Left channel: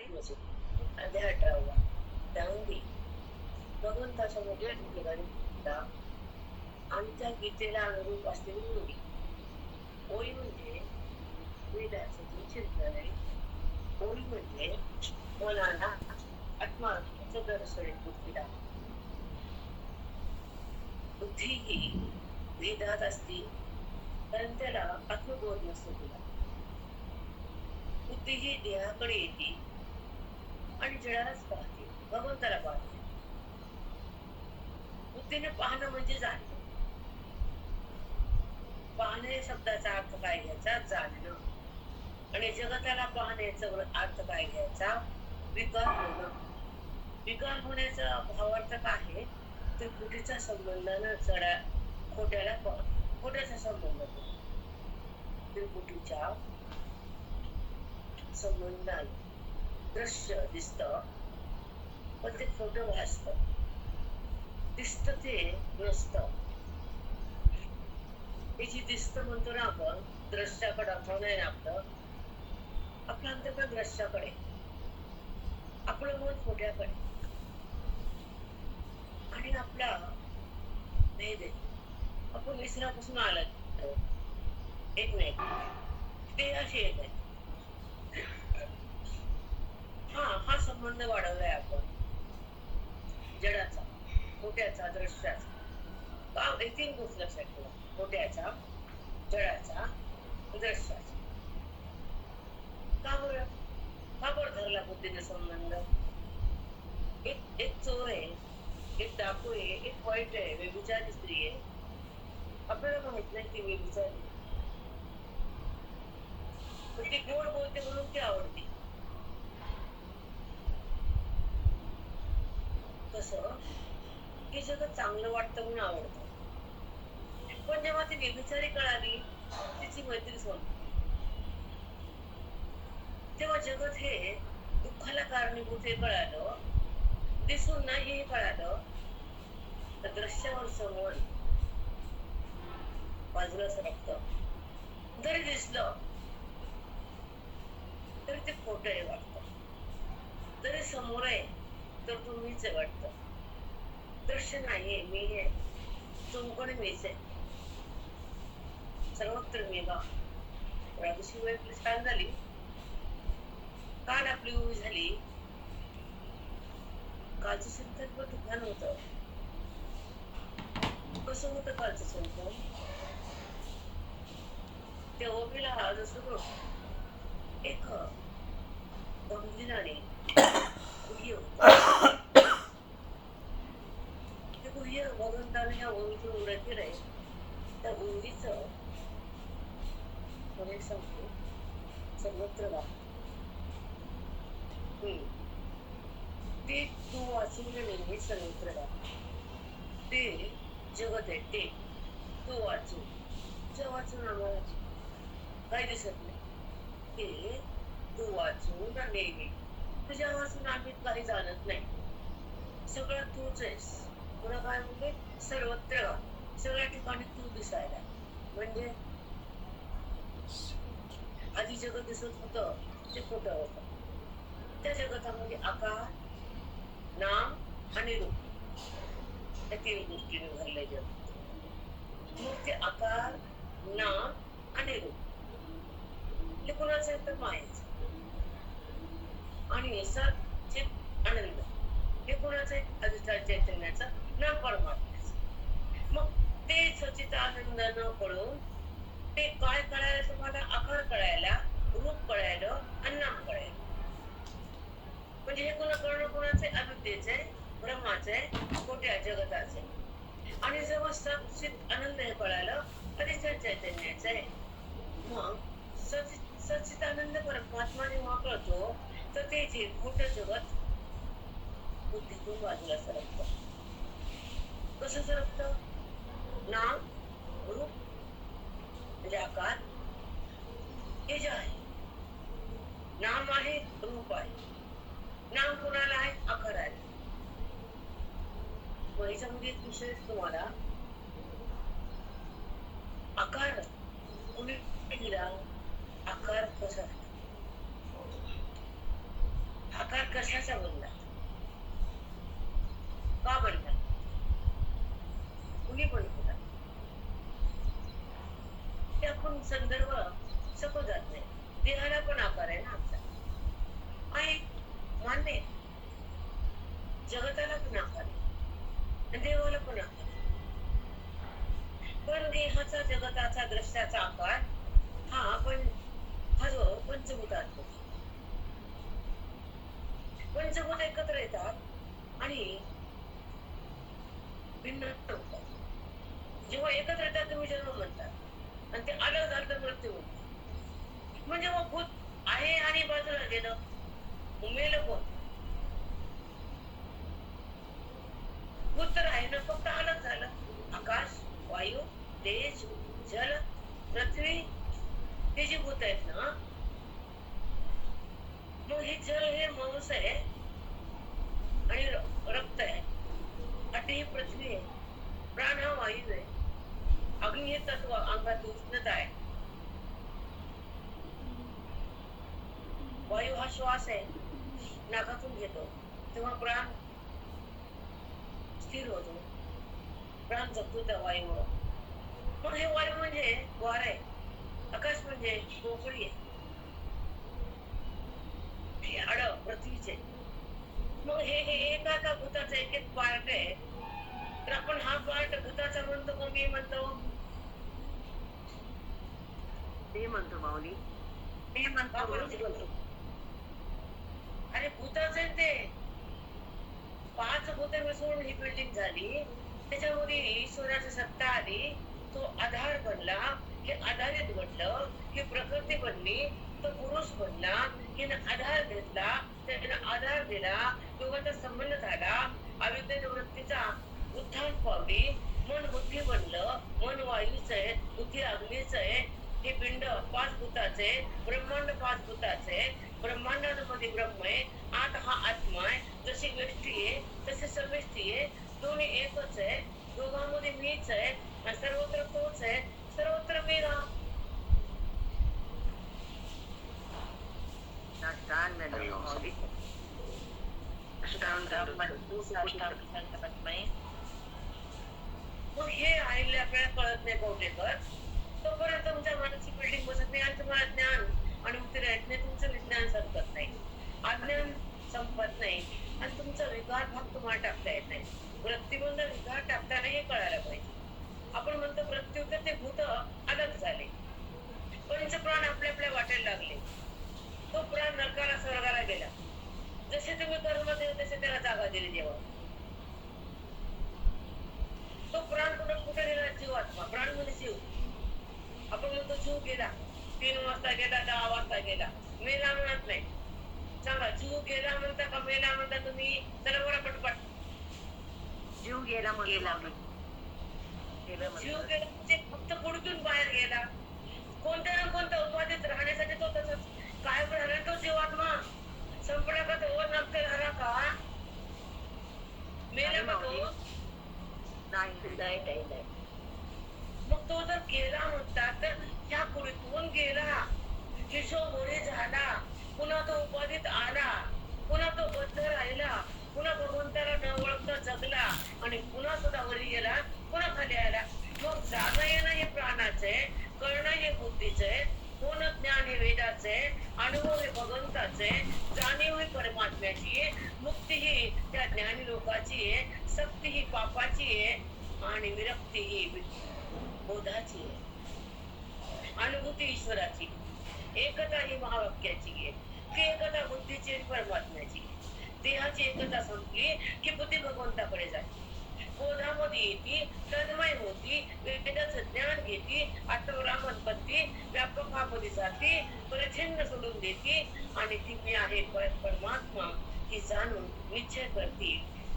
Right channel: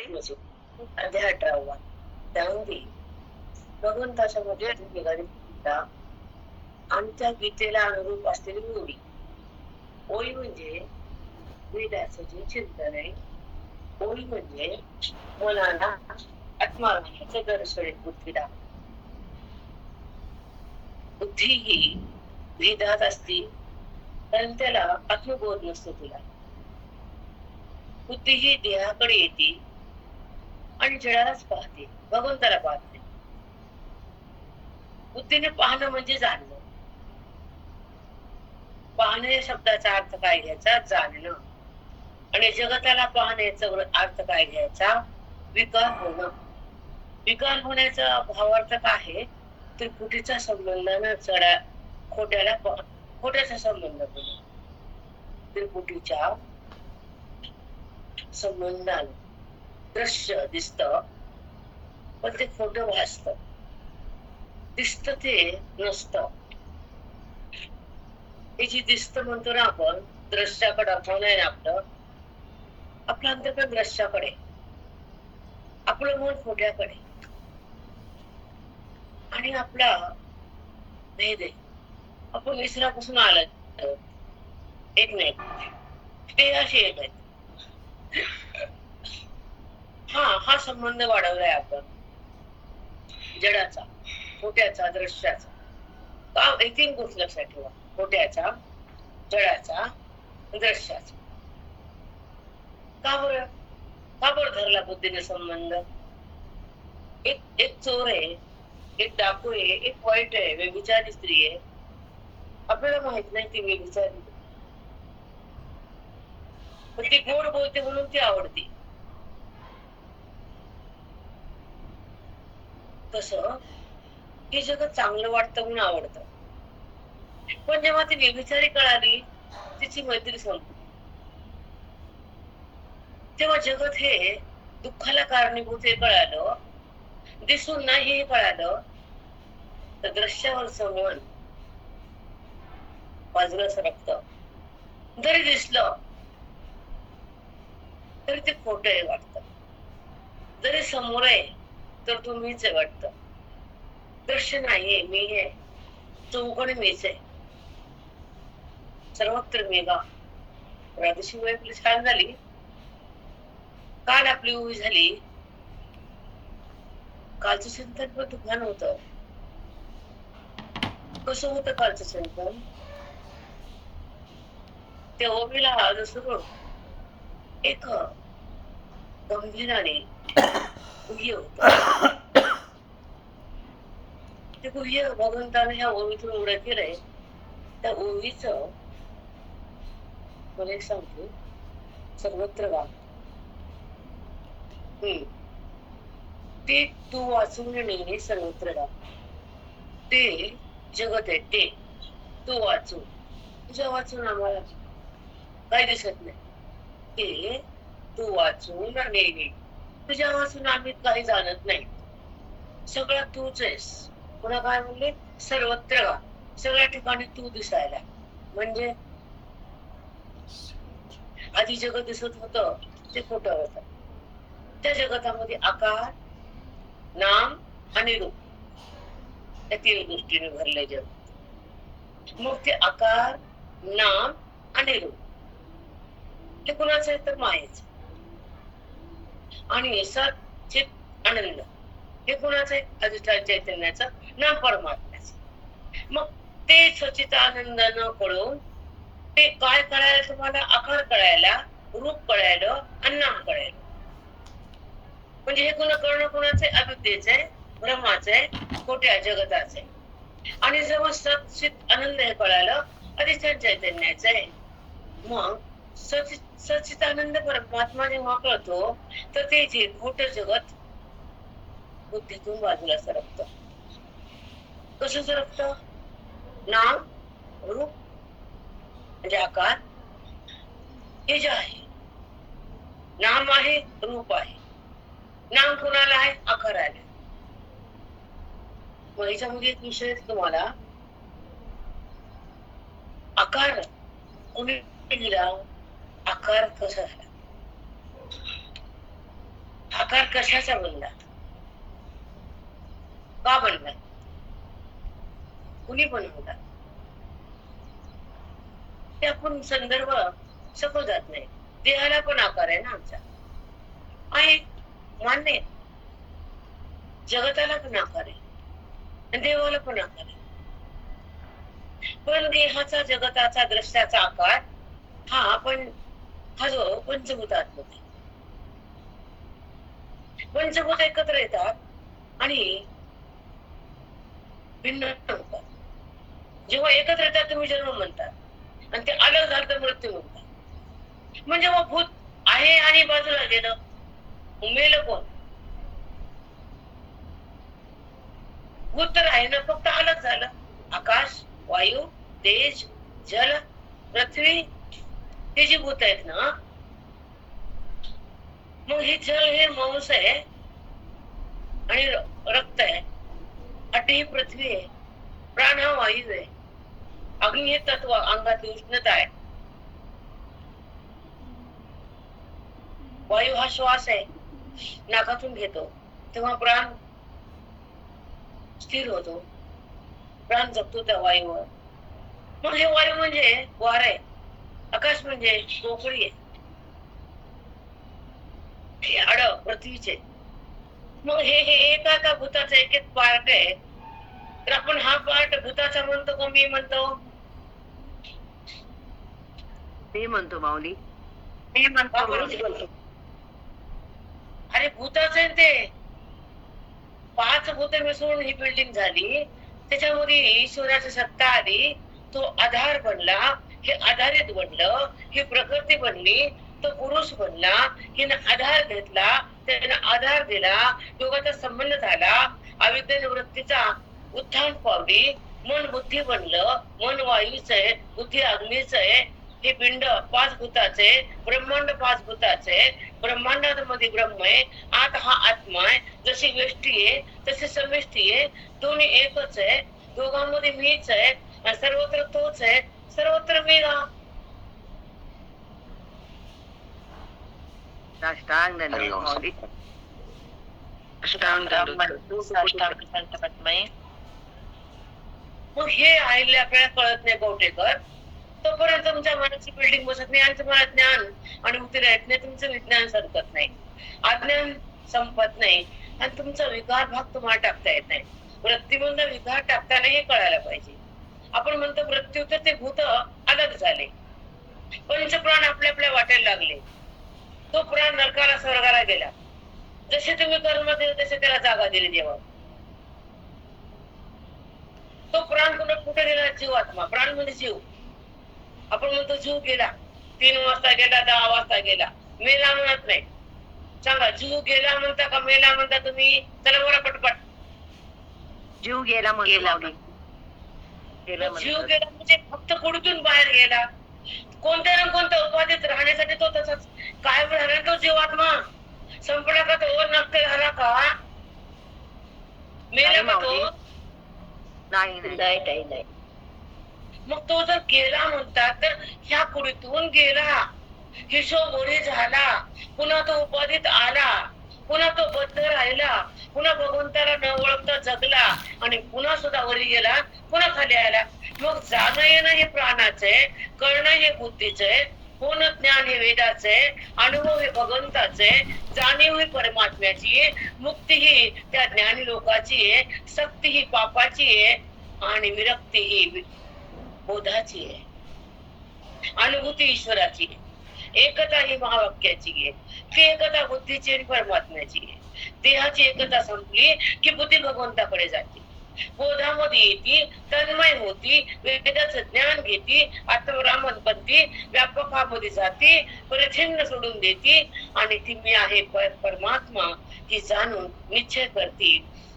अध्याय 18 त्यामध्ये भगवंताच्या मध्ये निघाली गीता आणि त्या गीतेला अनुरूप असलेली ओळी. ओळी म्हणजे वेदाचं जे चिंतन आहे. ओळी म्हणजे मनाला आत्मार्थाचं दर्शन बुद्धी दाखवते. बुद्धी ही भेदात असती कारण त्याला आत्मबोध नसतो तिला. बुद्धी ही देहाकडे येते आणि जडालाच पाहते, भगवंताला पाहते. बुद्धीने पाहणं म्हणजे जाणणं. पाहणं या शब्दाचा अर्थ काय घ्यायचा? जाणणं. आणि जगताला पाहण्याचा अर्थ काय घ्यायचा? विकार होणं. विकार होण्याचा भावार्थ काय आहे? त्रिपुटीचा संबंध न चढा खोट्याला खोट्याचा संबंध होतो. त्रिपुटीच्या संबंधाने दृश्य दिसत पण ते खोटं भासत. दिसत ते नसत. हे जी दिसत म्हणतो ना आपण, दृश्याकडे आपलं नाही आपलं अंतर्गत दृश्याकडे, आपलं मन खोट्याकडे आणि आपला भेद आहे. आपण विसरापासून आलं एक नाही ते असे एक आहे. हा संबंध वाढवलाय आपण जडाचा, खोट्याचा, दृश्याचा. का एक तीन गोष्ट लक्षात ठेवा. खोट्याचा, जडाचा, दृश्याचा. का बरं धरला बुद्धीने संबंध? एक चोर आहे, एक डाकू आहे, एक वाईट आहे, व्यभिचारी स्त्री आहे. आपल्याला माहित नाही ती व्यभिचारी, पण ती गोड बोलते म्हणून ती आवडते. तसं हे जगत चांगलं वाटतं म्हणून आवडतं. पण जेव्हा ती व्यभिचारी कळाली, तिची मैत्री संपली. तेव्हा जगत हे दुःखाला कारणीभूत हे कळालं, दिसून नाही हे कळालं, तर दृश्यावरचं मन बाजूला सरकतं. जरी दिसलं तरी ते खोटं आहे वाटतं. जरी समोर आहे तर तो मीच आहे वाटतं. दृश्य नाहीये, मी आहे, चौकणी मीच आहे. सर्वत्र मेघा. राधेशी वेळ आपली छान झाली. काल आपली उभी झाली. कालचं चिंतन पण तुफान होत. कसं होतं कालचं चिंतन? त्या ओबीला जसं एक गंभीराने गुह्य होत. ते गुह्य भगवंताने ह्या ओवीतून उड्या केलंय. त्या ओवीच मला एक सांगतो, सर्वत्र गाव ते तू वाचून नेहमी सर्वत्र गाव. ते जगत आहे, ते तू वाचून, तुझ्या वाचून आम्हाला काही दिसत नाही. ते तू वाचून नेहमी, तुझ्या वाचून आम्ही काही जाणत नाही. सगळं तूच आहेस. पुन्हा काय म्हणले? सर्वत्र गाव, सगळ्या ठिकाणी तू दिसायला. म्हणजे आधी जगत दिसत होतं ते खोटं होतं. त्या जगतामध्ये आकार, नाम आणि रूप या तीन गोष्टीने भरले जग. मग ते आकार, नाम आणि रूप हे कुणाचं आहे? तर मायेच. आणि सत चित आनंद हे कुणाचं आहे? अधिष्ठान चैतन्याचं, नाम परमात्म्याचं. मग ते सचित आनंद न कळून ते काय कळायला तुम्हाला? आकार कळायला, रूप कळायला आणि नाम कळायला. म्हणजे हे कळणं कुणाचं आहे? अविद्येचं आहे, ब्रह्माचं आहे, खोट्या जगताचं आहे. आणि जेव्हा सचित आनंद हे कळालं, अधिष्ठान चैतन्याचं आहे. मग सचितानंद परमात्मा जेव्हा कळतो तर ते जे खोटं जगत बुद्धीतून बाजूला सरकत. कसं सरकत? नाम, रूप म्हणजे आकार हे जे आहे, नाम आहे, रूप आहे. नाम कुणाला आहे? आकार आहे. मग याच्यामध्ये एक विषय तुम्हाला, आकार कोणी दिला, आकार कसा झाला, आकार कशाचा बनला, का बनला, कुणी बनवला, ते आपण संदर्भ सकू जात नाही. देहाला पण आकार आहे ना आमचा, आहे मान्य आहे. जगताला पण आकार आहे आणि देवाला पण आकार आहे. पण देहाचा, जगताचा, दृश्याचा आकार हा जो पंचभूतात्मक आहे. पंचभूत एकत्र येतात आणि भिन्न होतात. जेव्हा एकत्र येतात तुम्ही जन्म म्हणतात आणि ते अलग झालं तर मृत्यू म्हणतात. म्हणजे मग भूत आहे आणि बाजूला गेलं, मेलं कोण? भूत तर आहे ना, फक्त अलग झालं. आकाश, वायू, तेज, जल, पृथ्वी, हे जी भूत आहेत ना, मग हे जल हे मांस आहे आणि रक्त आहे, अटी ही पृथ्वी आहे, प्राण हा वायू आहे, अग्नी हे तत्व, अंगातली उष्णता आहे, वायू हा श्वास आहे, नाकातून घेतो तेव्हा प्राण स्थिर होतो, प्राण जगतो त्या वायूवर. मग हे वायू म्हणजे वार आहे, आकाश म्हणजे पोकळी आहे, हे आड पृथ्वीचे. मग हे एका भूताचा एक एक पार्ट आहे. तर आपण हा पार्ट भूताचा म्हणतो का मी म्हणतो? मी म्हणतो माऊली. मी म्हणतो. अरे भूताच आहे ते. 5 भूत मिसळून ही बिल्डिंग झाली. त्याच्यामध्ये ईश्वराची सत्ता आली, तो आधार बनला, हे आधारित बनलं, ही प्रकृती बनली, तो पुरुष बनला, हिनं आधार घेतला, त्यानं आधार दिला, दोघांचा संबंध झाला, अविद्या निवृत्तीचा उत्थान पावली, मन बुद्धी बनलं, मन वायूच आहे, बुद्धी अग्नीच आहे, हे पिंड 5 भूताचे, ब्रह्मांड 5 भूताचे, ब्रह्मांडामध्ये ब्रह्म आहे, आत हा आत्मा आहे, जशी व्यष्टी आहे तशी समिष्टी आहे, दोन्ही एकच आहे, दोघांमध्ये मीच आहे, सर्वत्र तोच आहे, सर्वत्र मी ना. साष्टांग दंडवत माऊली. साष्टांग दंडवत. मग हे आईले आपल्याला कळत नाही कवटेकर, तोपर्यंत तुमच्या मनाची बिल्डिंग बसत नाही आणि तुम्हाला ज्ञान अनुभूती राहत नाही, तुमचं विज्ञान सरकत नाही, अज्ञान संपत नाही आणि तुमचा विकार भाग तुम्हाला टाकता येत नाही. वृत्तीमधून विकार टाकताना हे कळायला पाहिजे. आपण म्हणतो मृत्यू तर ते भूत अलग झाले, पंचप्राण आपल्या आपल्या वाटायला लागले, तो प्राण नरकाला स्वर्गाला गेला. जसे तुम्ही कर्म दिले तसे त्याला जागा दिली देवा. तो प्राण कुठे गेला? जीवात्मा. प्राण म्हणजे जीव. आपण म्हणतो जीव गेला, 3 वाजता गेला, 10 वाजता गेला, मेला म्हणत नाही. सांगा, जीव गेला म्हणता का मेला म्हणता तुम्ही? चला बरं पटपट. जीव गेला म्हणजे जीव गेला म्हणजे फक्त कुठून बाहेर गेला, कोणत्या ना कोणत्या उपाधीत राहण्यासाठी तो तसाच कायम राहणार. तो जीवात्मा संपला का? तो नष्ट झाला का? मेला का तो? नाही. मग तो जर गेला म्हणतात तर ह्या कुडीतून गेला, हिशोब ओढी झाला, पुन्हा तो उपाधीत आला, पुन्हा तो बद्ध राहिला, पुन्हा भगवंताला न ओळखता जगला आणि पुन्हा सुद्धा वरी गेला, पुन्हा खाली आला. मग जाणं येणं हे प्राणाचे, कळणं हे बुद्धीचे, पूर्ण ज्ञान हे वेदाचे, अनुभव हे भगवंताचे, जाणीव ही परमात्म्याची, मुक्ती ही त्या ज्ञानी लोकाची आहे, सक्ती ही पापाची आहे आणि विरक्ती ही बोधाची आहे, अनुभूती ईश्वराची आहे, एकता ही महावाक्याची आहे, ती एकता बुद्धीची आणि परमात्म्याची आहे. देहाची एकता संपली की बुद्धी भगवंताकडे जाते, बोधामध्ये येते, तन्मय होती, वेदाचं ज्ञान घेते, आत्मरामन बनते, व्यापकामध्ये जाते, परिच्छिन्न सोडून देते आणि ती मी आहे परमात्मा ती जाणून निश्चय करते,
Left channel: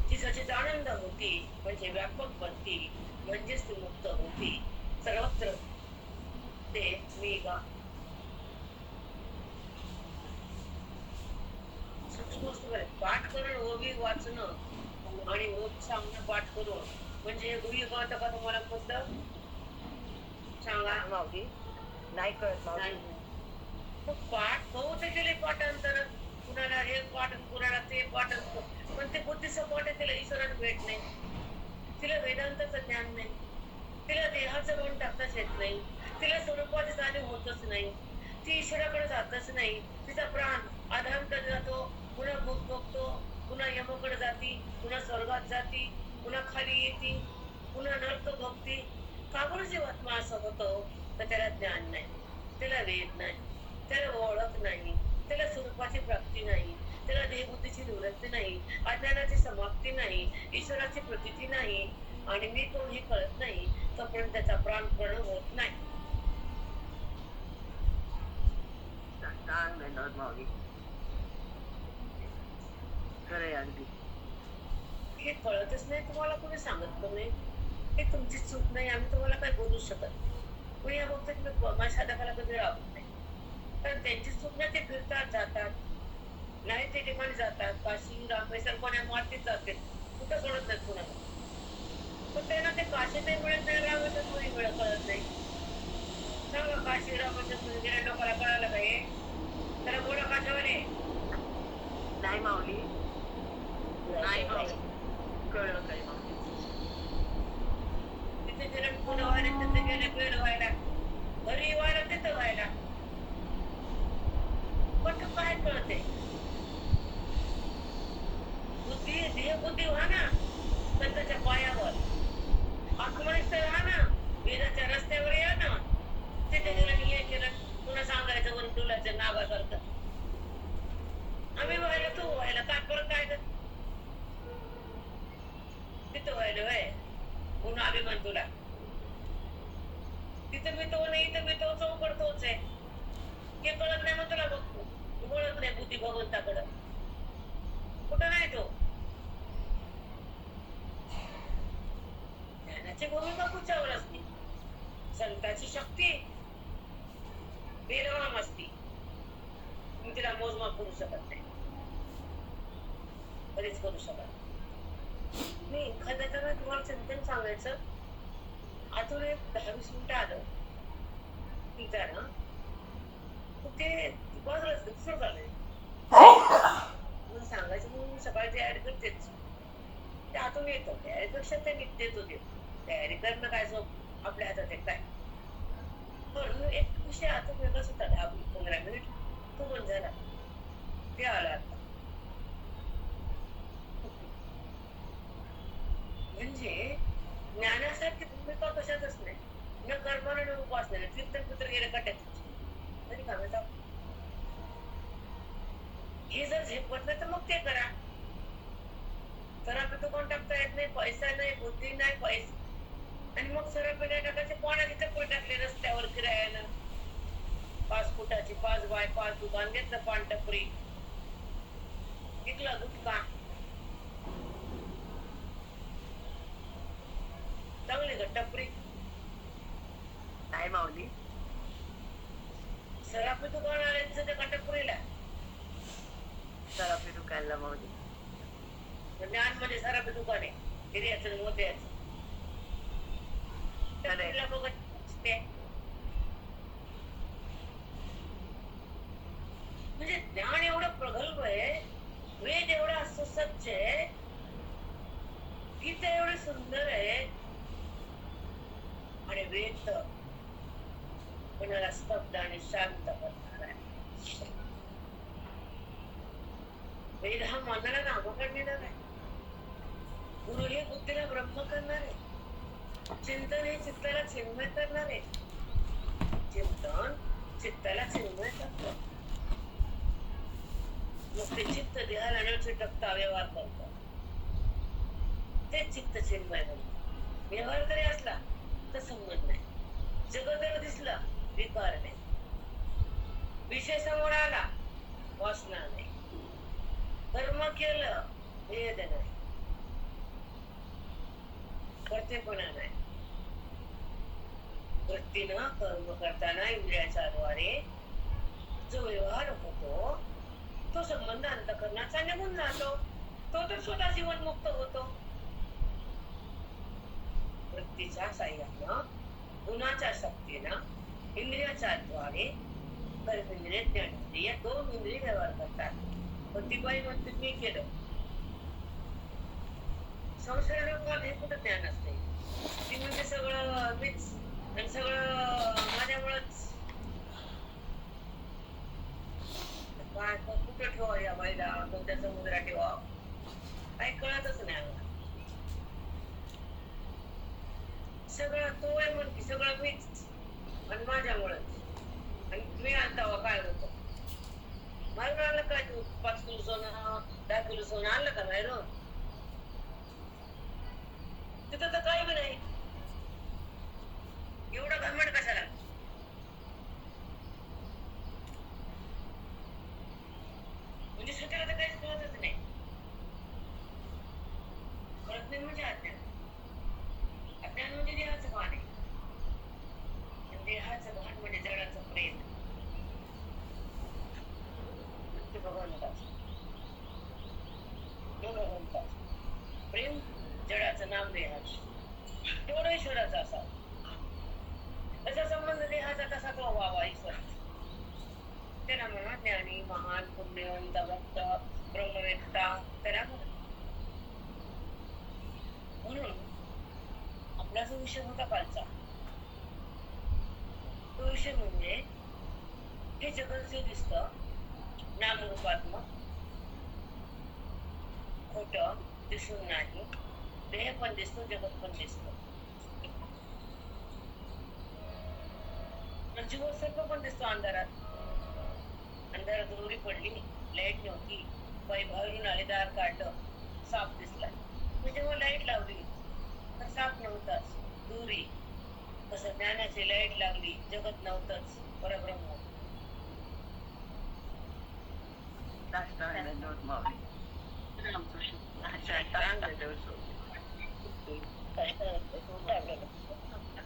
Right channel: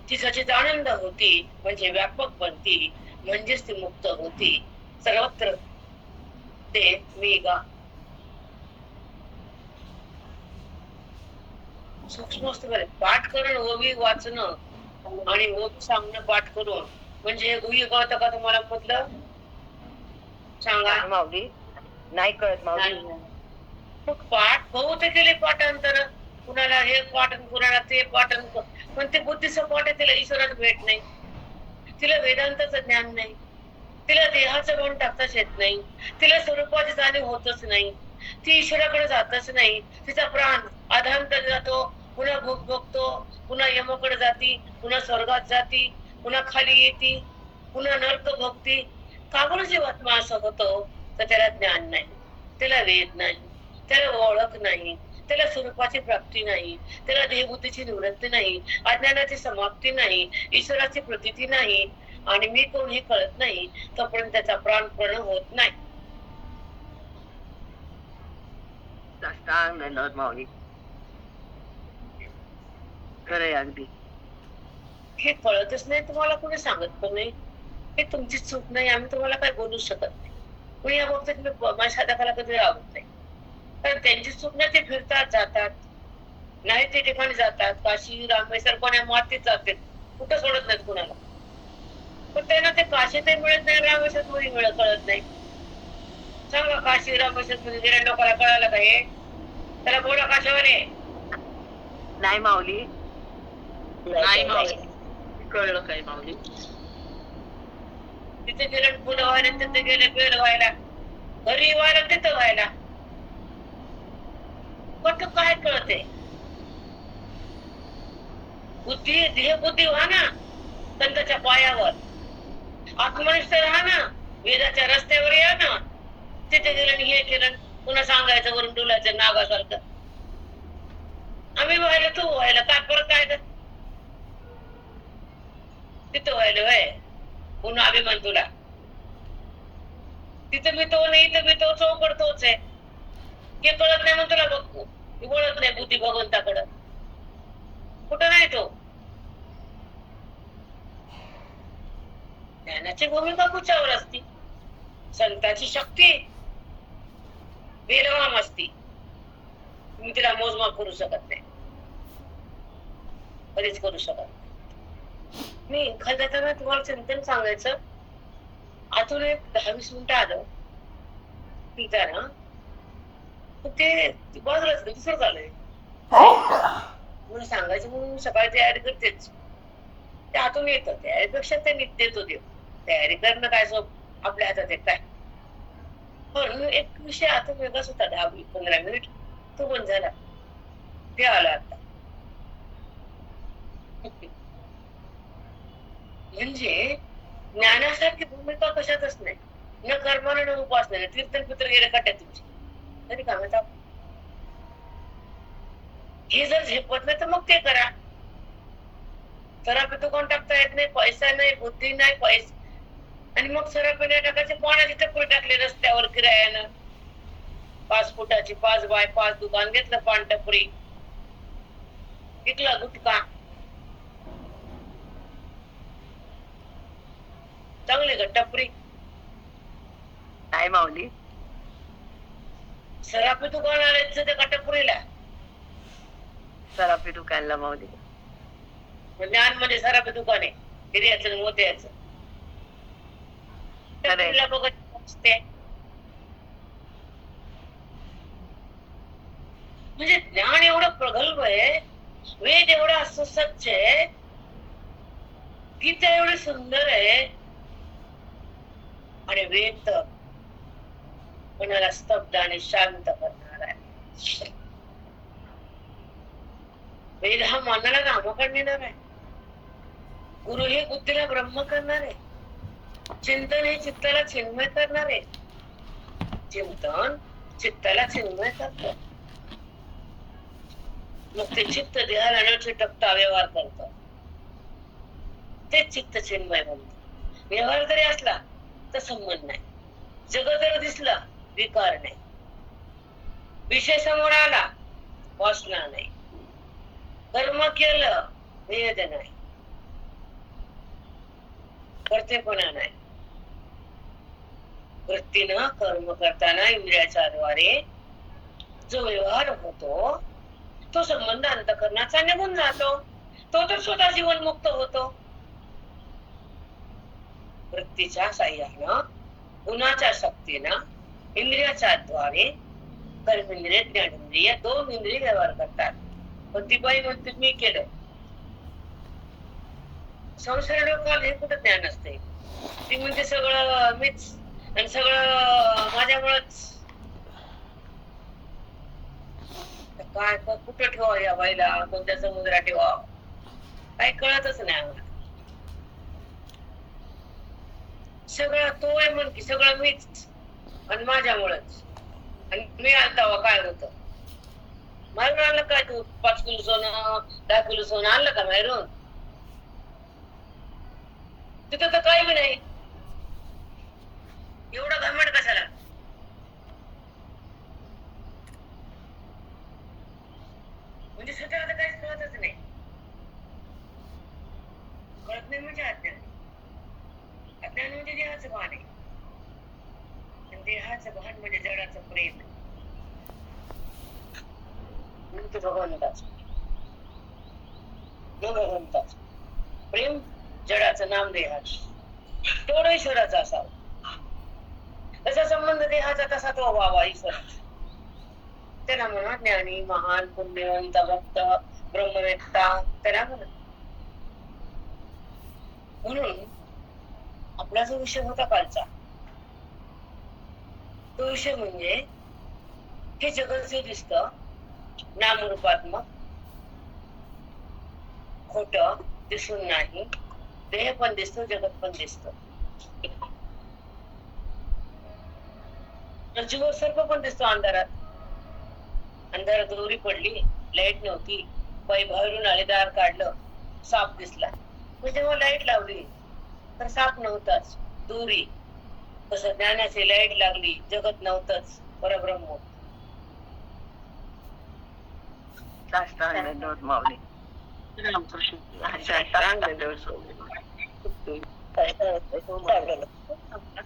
ती सचित आनंद होती, म्हणजे व्यापक बनते, म्हणजेच ती मुक्त होती. सर्वत्र ते मी गा. सूक्ष्म असतं बरं. पाठ करून ओवी वाचणं आणि ओवी सांगणं पाठ करून, म्हणजे ओवी कळतं का तुम्हाला म्हटलं? सांगा माऊली. नाही कळत माऊली. मग पाठ बहुत केले पाठांतर, कुणाला हे पाठन कुणाला ते पाठन, पण ते बुद्धीचं पाठ आहे, तिला ईश्वराचं भेट नाही, तिला वेदांताचं ज्ञान नाही, तिला देहाचं मन टाकताच येत नाही, तिला स्वरूपाची जाणीव होतच नाही, ती ईश्वराकडे जातच नाही. तिचा प्राण अधांतर जातो, पुन्हा भोग बघतो, पुन्हा यमाकडे जाती, पुन्हा स्वर्गात जाती, पुन्हा खाली येते, पुन्हा नरक भोगती. का बरं जीवात्मा असं होतो? तर त्याला ज्ञान नाही, त्याला वेद नाही, त्याला ओळख नाही, त्याला स्वरूपाची प्राप्ती नाही, त्याला देहबुद्धीची निवृत्ती नाही, अज्ञानाची समाप्ती नाही, ईश्वराची प्रतीती नाही, आणि मी कोण हे कळत नाही, तोपर्यंत त्याचा प्राणपण होत नाही. साष्टांग दंडवत माऊली. खरंय अगदी. हे कळतच नाही, तुम्हाला कोणी सांगत पण नाही. हे तुमची चूक नाही, आम्ही तुम्हाला काय बोलू शकत नाही. पण या बाबतीत मी माझ्या साधकाला कधी राहत नाही, कारण त्यांची चूक नाही. ते फिरतात, जातात, नाही ते ठिकाणी जातात, काशी रामेश्वर कोण्या मातीत जाते, कुठं सोडत नाहीत कुणाला. पण त्यांना ते काशीतही मिळत नाही, रामेश्वर मध्ये कळत नाही. सांगा, काशी रामेश्वर मध्ये गेल्या लोकांना कळायला का हे? त्याला बोला काशावर आहे. नाही माऊली. नाही माऊली, कळलं काय माऊली? तिथे गेले फुलं व्हायला, तिथे गेले बेल व्हायला, घरी व्हायला, तिथं व्हायला. पण काय कळते? बुद्धी देह बुद्धी व्हा ना संतांच्या पायावर, आत्मनिष्ठ राहा ना, वेदाच्या रस्त्यावर या ना. तिथे गेलं आणि हे केलं, पुन्हा सांगायचं वरून डुलाचं नागासारखं. आम्ही व्हायला, तू व्हायला, काय परत काय कर? तिथं व्हायला व्हाय, पुन्हा अभिमान तुला. तिथं मी तो नाही, इथं मी तो, चौकड तोच आहे. हे कळत नाही म्हणून तुला बघतो, वळत नाही बुद्धी भगवंताकडं. कुठं नाही तो. ज्ञानाची भूमिका कुच्यावर असती? संतांची शक्ती बेलवाम असती, तुम्ही तिला मोजमाप करू शकत नाही, कधीच करू शकत नाही. मी एखाद्याला तुम्हाला चिंतन सांगायचं, आतून एक 10-20 मिनिटं आलं तिथं ना, ते बाजूलाच दुसरं झालंय म्हणून सांगायचं, म्हणून सकाळी तयारी करतेच. ते आतून येतं, त्यापेक्षा ते निघतेच होते. तयारी करणं काय सोप आपल्या हातात आहे काय? पण एक विषय आता वेगळाच होता, 10-15 मिनिट तो बंद झाला, ते आला आता. म्हणजे ज्ञानासारखी भूमिका कशातच नाही, न कर्माला न उपासना. कीर्तन पुत्र गेलं कट्यात तरी कामात. हे जर झेपत नाही तर मग ते करा. सरापी कोण टाकता येत नाही, पैसा नाही, बुद्धी नाही, पैसा, आणि मग सरापी नाही टाकायचे, पाण्याची टपरी टाकली रस्त्यावर किरायानं. 5 फुटाची 5 बाय 5 दुकान घेतलं, पान टपरी विकला, गुटखा. चांगली का टपरी? नाही माऊली. सरापी दुकान आणायचं त्या टपरीला. सराफी दुकानला माऊली. ज्ञान म्हणजे सरापी दुकान आहे, हिऱ्याचं मोत्याचं. टपरीला बघत असते. म्हणजे ज्ञान एवढं प्रगल्भ आहे, वेद एवढा सुसज्ज आहे, गीता एवढी सुंदर आहे, आणि वेद तर कोणाला स्तब्ध आणि शांत करणार आहे. वेद हा मनाला नामकरण देणार आहे, गुरु हे बुद्धीला ब्रह्म करणार आहे, चिंतन हे चित्ताला चिन्मय करणार आहे, चिंतन चित्ताला चिन्मय करतो. मग ते चित्त देहाला न चिटकता व्यवहार करतो, ते चित्त चिन्मय म्हणतो. व्यवहार जरी असला तर संबंध नाही, जगत जर दिसला विकार नाही, विषय समोर आला वासना नाही, कर्म केलं भेद नाही, कर्तेपणा नाही. वृत्तीनं कर्म करताना इंद्रियाच्या द्वारे जो व्यवहार होतो, तो संबंध अंतःकरणाचा निघून जातो, तो तर स्वतः जीवनमुक्त होतो. वृत्तीच्या साह्यानं, गुणाच्या शक्तीनं, इंद्रियाच्या द्वारे कर्मेंद्रिय ज्ञानेंद्रिय 2 इंद्रिय व्यवहार करतात. पण ती बाई म्हणते मी केलं. संसार लोकांना हे कुठं ज्ञान असते. ती म्हणते सगळं मीच आणि सगळं माझ्यामुळेच. काय कुठं ठेवा या बाईला, कोणत्या समुद्रात ठेवा, काही कळतच नाही आम्हाला. सगळं तो आहे म्हण की सगळं मीच आणि माझ्यामुळेच. आणि मी आलता काय होत बाहेरून आणलं काय, तू 5 किलो सोनं 10 किलो सोनं आणलं का बाहेरून? तिथं तर काही बी नाही. एवढं घमंड कशाला? म्हणजे स्वतःला तर काहीच कळतच नाही. कळत नाही म्हणजे अज्ञान. अज्ञान म्हणजे देहाचं भान आहे. आणि देहाचं भान म्हणजे जडाचं प्रेम. म्हणजे भगवंताचं प्रेम, जडाचं नाम देहाचं. तेवढं ईश्वराचं असावं. त्याचा संबंध देहाचा तसा तो व्हावा ईश्वराचा. त्याला म्हणा ज्ञानी, महान, पुण्यवंत, भक्त, ब्रह्मवेत्ता त्याला म्हणा. म्हणून आपला जो विषय होता कालचा, तो विषय म्हणजे हे जगत जे दिसतं नामरूपात्मक, खोट दिसून नाही. देह पण दिसतो, जगत पण दिसतो. जीव सर्व पण दिसतो अंधारात. अंधारात दोरी पडली, लाईट नव्हती, बाई बाहेरून आले, दार काढलं, साप दिसला. मी जेव्हा लाईट लावली तर साप नव्हताच, दोरी. तसं ज्ञानाची लाईट लागली, जगत नव्हतंच, परब्रह्म. माऊली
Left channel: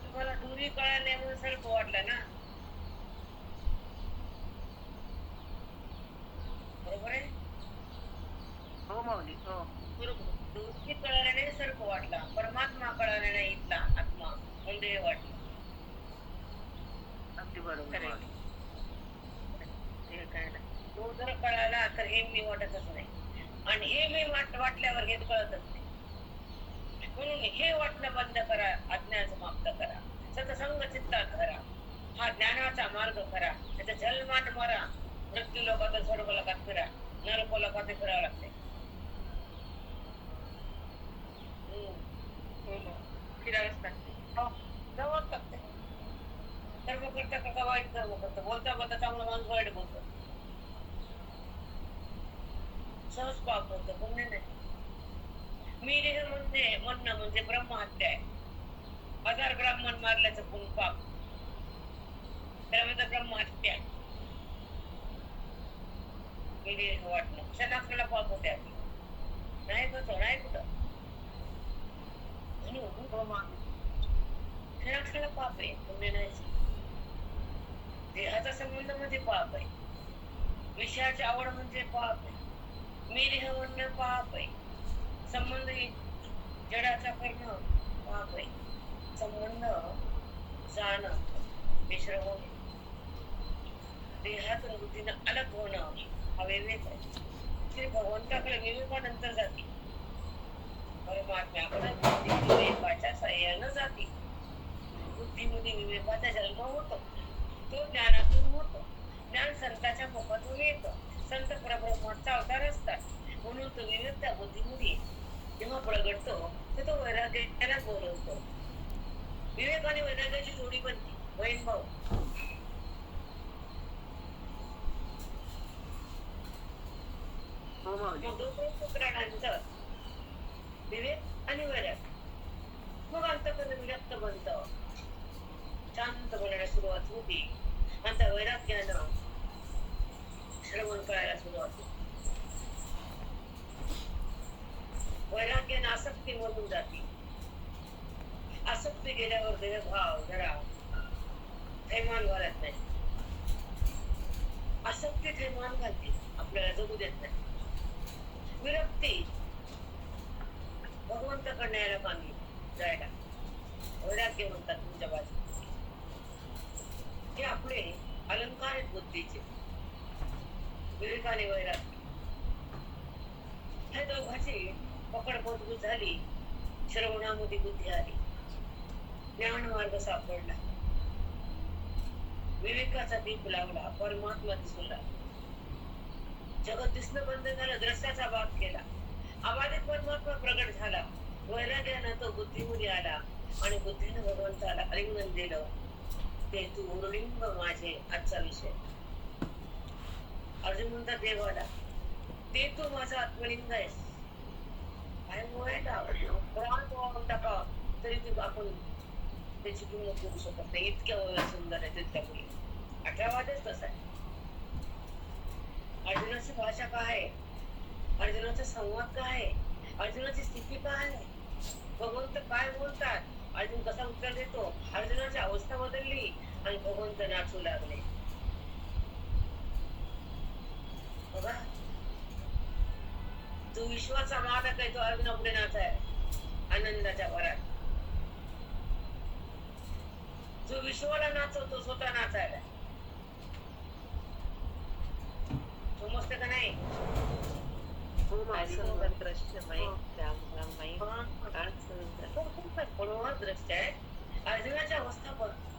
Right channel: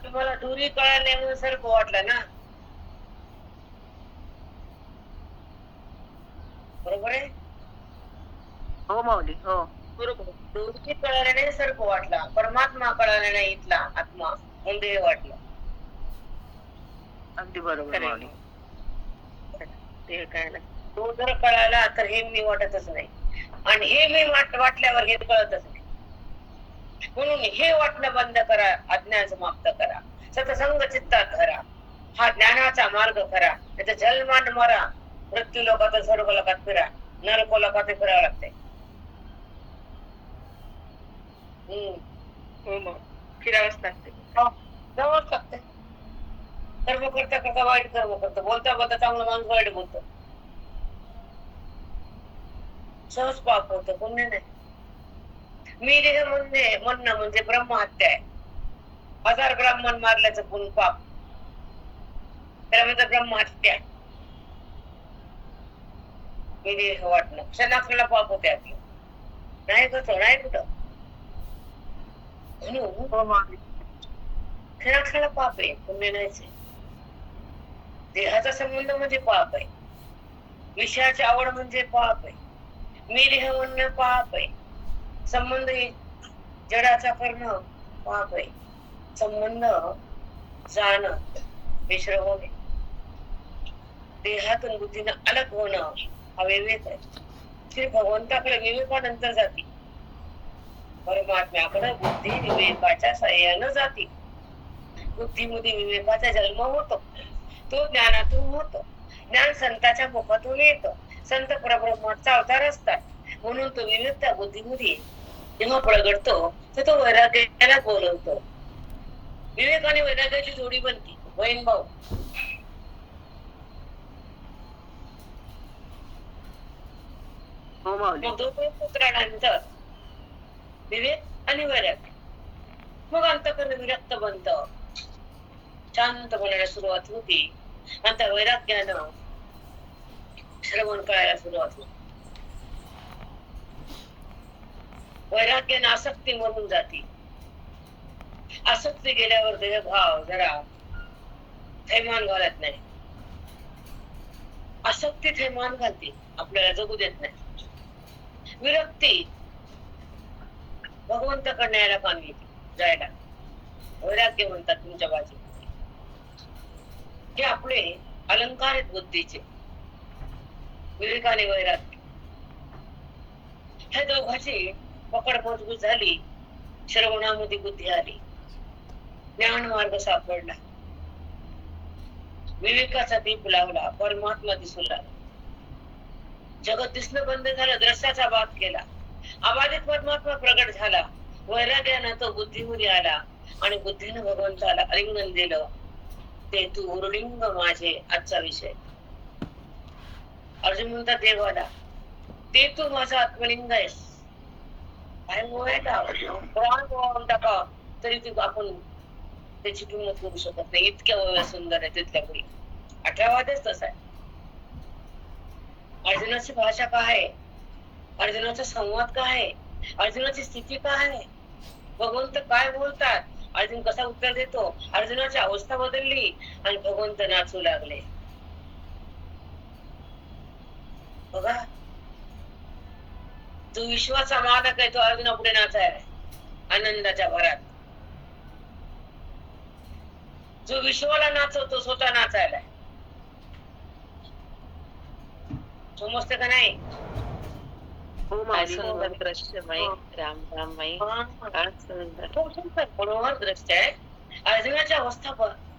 तुम्हाला दोरी कळाल्यामुळे सर्प वाटला ना, बरोबर आहे? हो माऊली, हो बरोबर. दोरी कळाल्याने सर्प वाटला, परमात्मा कळाला नाही इथला आत्मा म्हणून देह वाटला. अगदी बरोबर माऊली. ते काय ना, तो जर कळाला तर हे मी वाटतच नाही, आणि हे मी वाटल्यावर हे कळतच नाही. म्हणून हे वाटणं बंद करा, अज्ञान समाप्त करा, सतसंग चित्तात धरा, हा ज्ञानाचा मार्ग करा. त्याचा जन्मान मरा, मृत्यू लोकात स्वर्ग लोकात फिरा, नरक लोकात फिरावं लागते. फिरावंच लागते, जावंच लागते. कर्म करता करता वाईट कर्म करतो, बोलता बोलता चांगला माणूस वाईट बोलतो, सहज पाप होतं, पुण्य नाही. मी देह म्हणणं म्हणजे ब्रह्महत्या आहे. 1000 ब्राह्मण मारल्याचं पुण्य पाप, त्याला म्हणतात ब्रह्महत्या. मी देह वाटणं क्षणाक्षणाला पाप होते आपलं, नाही कसं नाही कुठं. म्हणून क्षणाक्षणाला पाप आहे, पुण्य नाहीच. देहाचा संबंध म्हणजे पाप आहे, विषयाची आवड म्हणजे पाप आहे, मी देह म्हणणं पाप आहे, संबंध जडाचा करणं पाप आहे, संबंध जाणं मिश्र होणे, देहातून बुद्धीनं अलग होणं हा विवेक आहे. श्री भगवंताकडे विवेकानंतर जाती, परमात्म्याकडे बुद्धी विवेकाच्या साह्यानं जाती. बुद्धीमध्ये विवेकाचा जन्म होतो, तो ज्ञानातून होतो. ज्ञान संतांच्या मुखातून येतं, संत परब्रह्माचा अवतार असतात. म्हणून तो विवेक त्या बुद्धीमध्ये जेव्हा प्रगटतो तर तो वैराग्याला बोलवतो. विवेक आणि वैराग्याची जोडी बनते, बहीण भाऊ. मग दोन पुत्रांनंतर विवेक आणि वैराग्य, मग अंतःकरण विरक्त बनत, शांत होण्याला सुरुवात होती. नंतर वैराग्यानं श्रवण करायला सुरुवात होती. वैराग्यानं आसक्ती मरून जाते. आसक्ती गेल्यावर देहभाव जरा थैमान घालत नाही, आसक्ती थैमान घालते, आपल्याला जगू देत नाही. विरक्ती भगवंताकडे यायला कामी जायला, वैराग्य म्हणतात तुमच्या बाजू. हे आपले अलंकार आहेत बुद्धीचे, विवेकाने वैराग्य. ह्या दोघांची पकड मजबूत झाली, श्रवणामध्ये बुद्धी आली, ज्ञान मार्ग सापडला, विवेकाचा दीप लावला, परमात्मा दिसू लागला, जगत दिसणं बंद झालं, द्रष्टाचा बाप केला, अबाधित परमात्मा प्रगट झाला, वैराग्यानं तो बुद्धीमध्ये आला आणि बुद्धीनं भगवंताला आलिंगन दिलं. ते तू उरलिंग माझे, आजचा विषय. अर्जुन म्हणतात देवाला, ते तू माझा आत्मलिंग आहेस. काय बोलायला प्राण बोलावून टाका तरी तू आपण त्याची किंमत करू शकत नाही, इतक्या ओव्या सुंदर आहे तितक्या मुली. 18वाच तसा आहे. अर्जुनाची भाषा काय आहे, अर्जुनाचा संवाद काय आहे, अर्जुनाची स्थिती काय आहे, भगवंत काय बोलतात, अर्जुन कसा उत्तर देतो, अर्जुनाची अवस्था बदलली आणि भगवंत नाचू लागले. बघा, जो विश्वाचा मालक आहे तो अर्जुना पुढे नाचाय आनंदाच्या भरात. जो विश्वाला नाचवतो स्वतः नाचायला. समजते का नाही? हो काय माऊली. सुंदर दृश्यमय, हो. राम राममय, काय सुंदर. तो सुंदर मनोहर दृष्ट आहे. अर्जुनाची अवस्था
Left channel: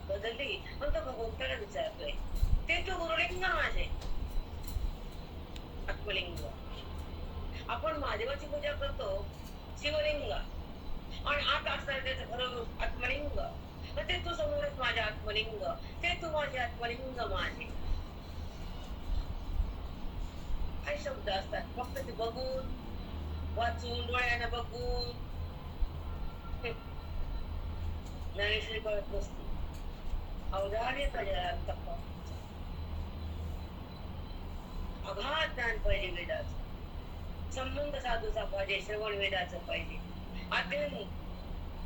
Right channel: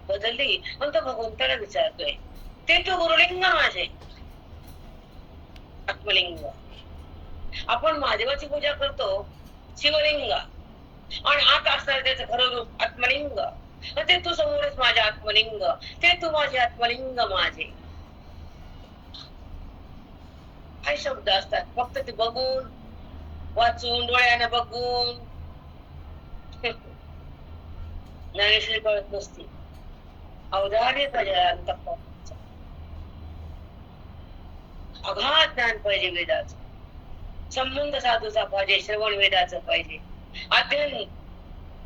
बदलली पण तो भगवंताला विचारतोय, ते तू गुरुलिंग माझे, आत्मलिंग. आपण महादेवाची पूजा करतो शिवलिंग, आणि आत असणार त्याचं खरं रूप आत्मलिंग. ते तू समोरच माझे आत्मलिंग, ते तू माझे आत्मलिंग माझे. काय शब्द असतात, फक्त ते बघून वाचून डोळ्यानं बघून ज्ञानेश्वरी कळत नसती. अवधार्य पाहिजे, अंतःकरणाचं अगाध ज्ञान पाहिजे, वेदाचं संबंध साधूचा पाहिजे, श्रवण वेदाचं पाहिजे,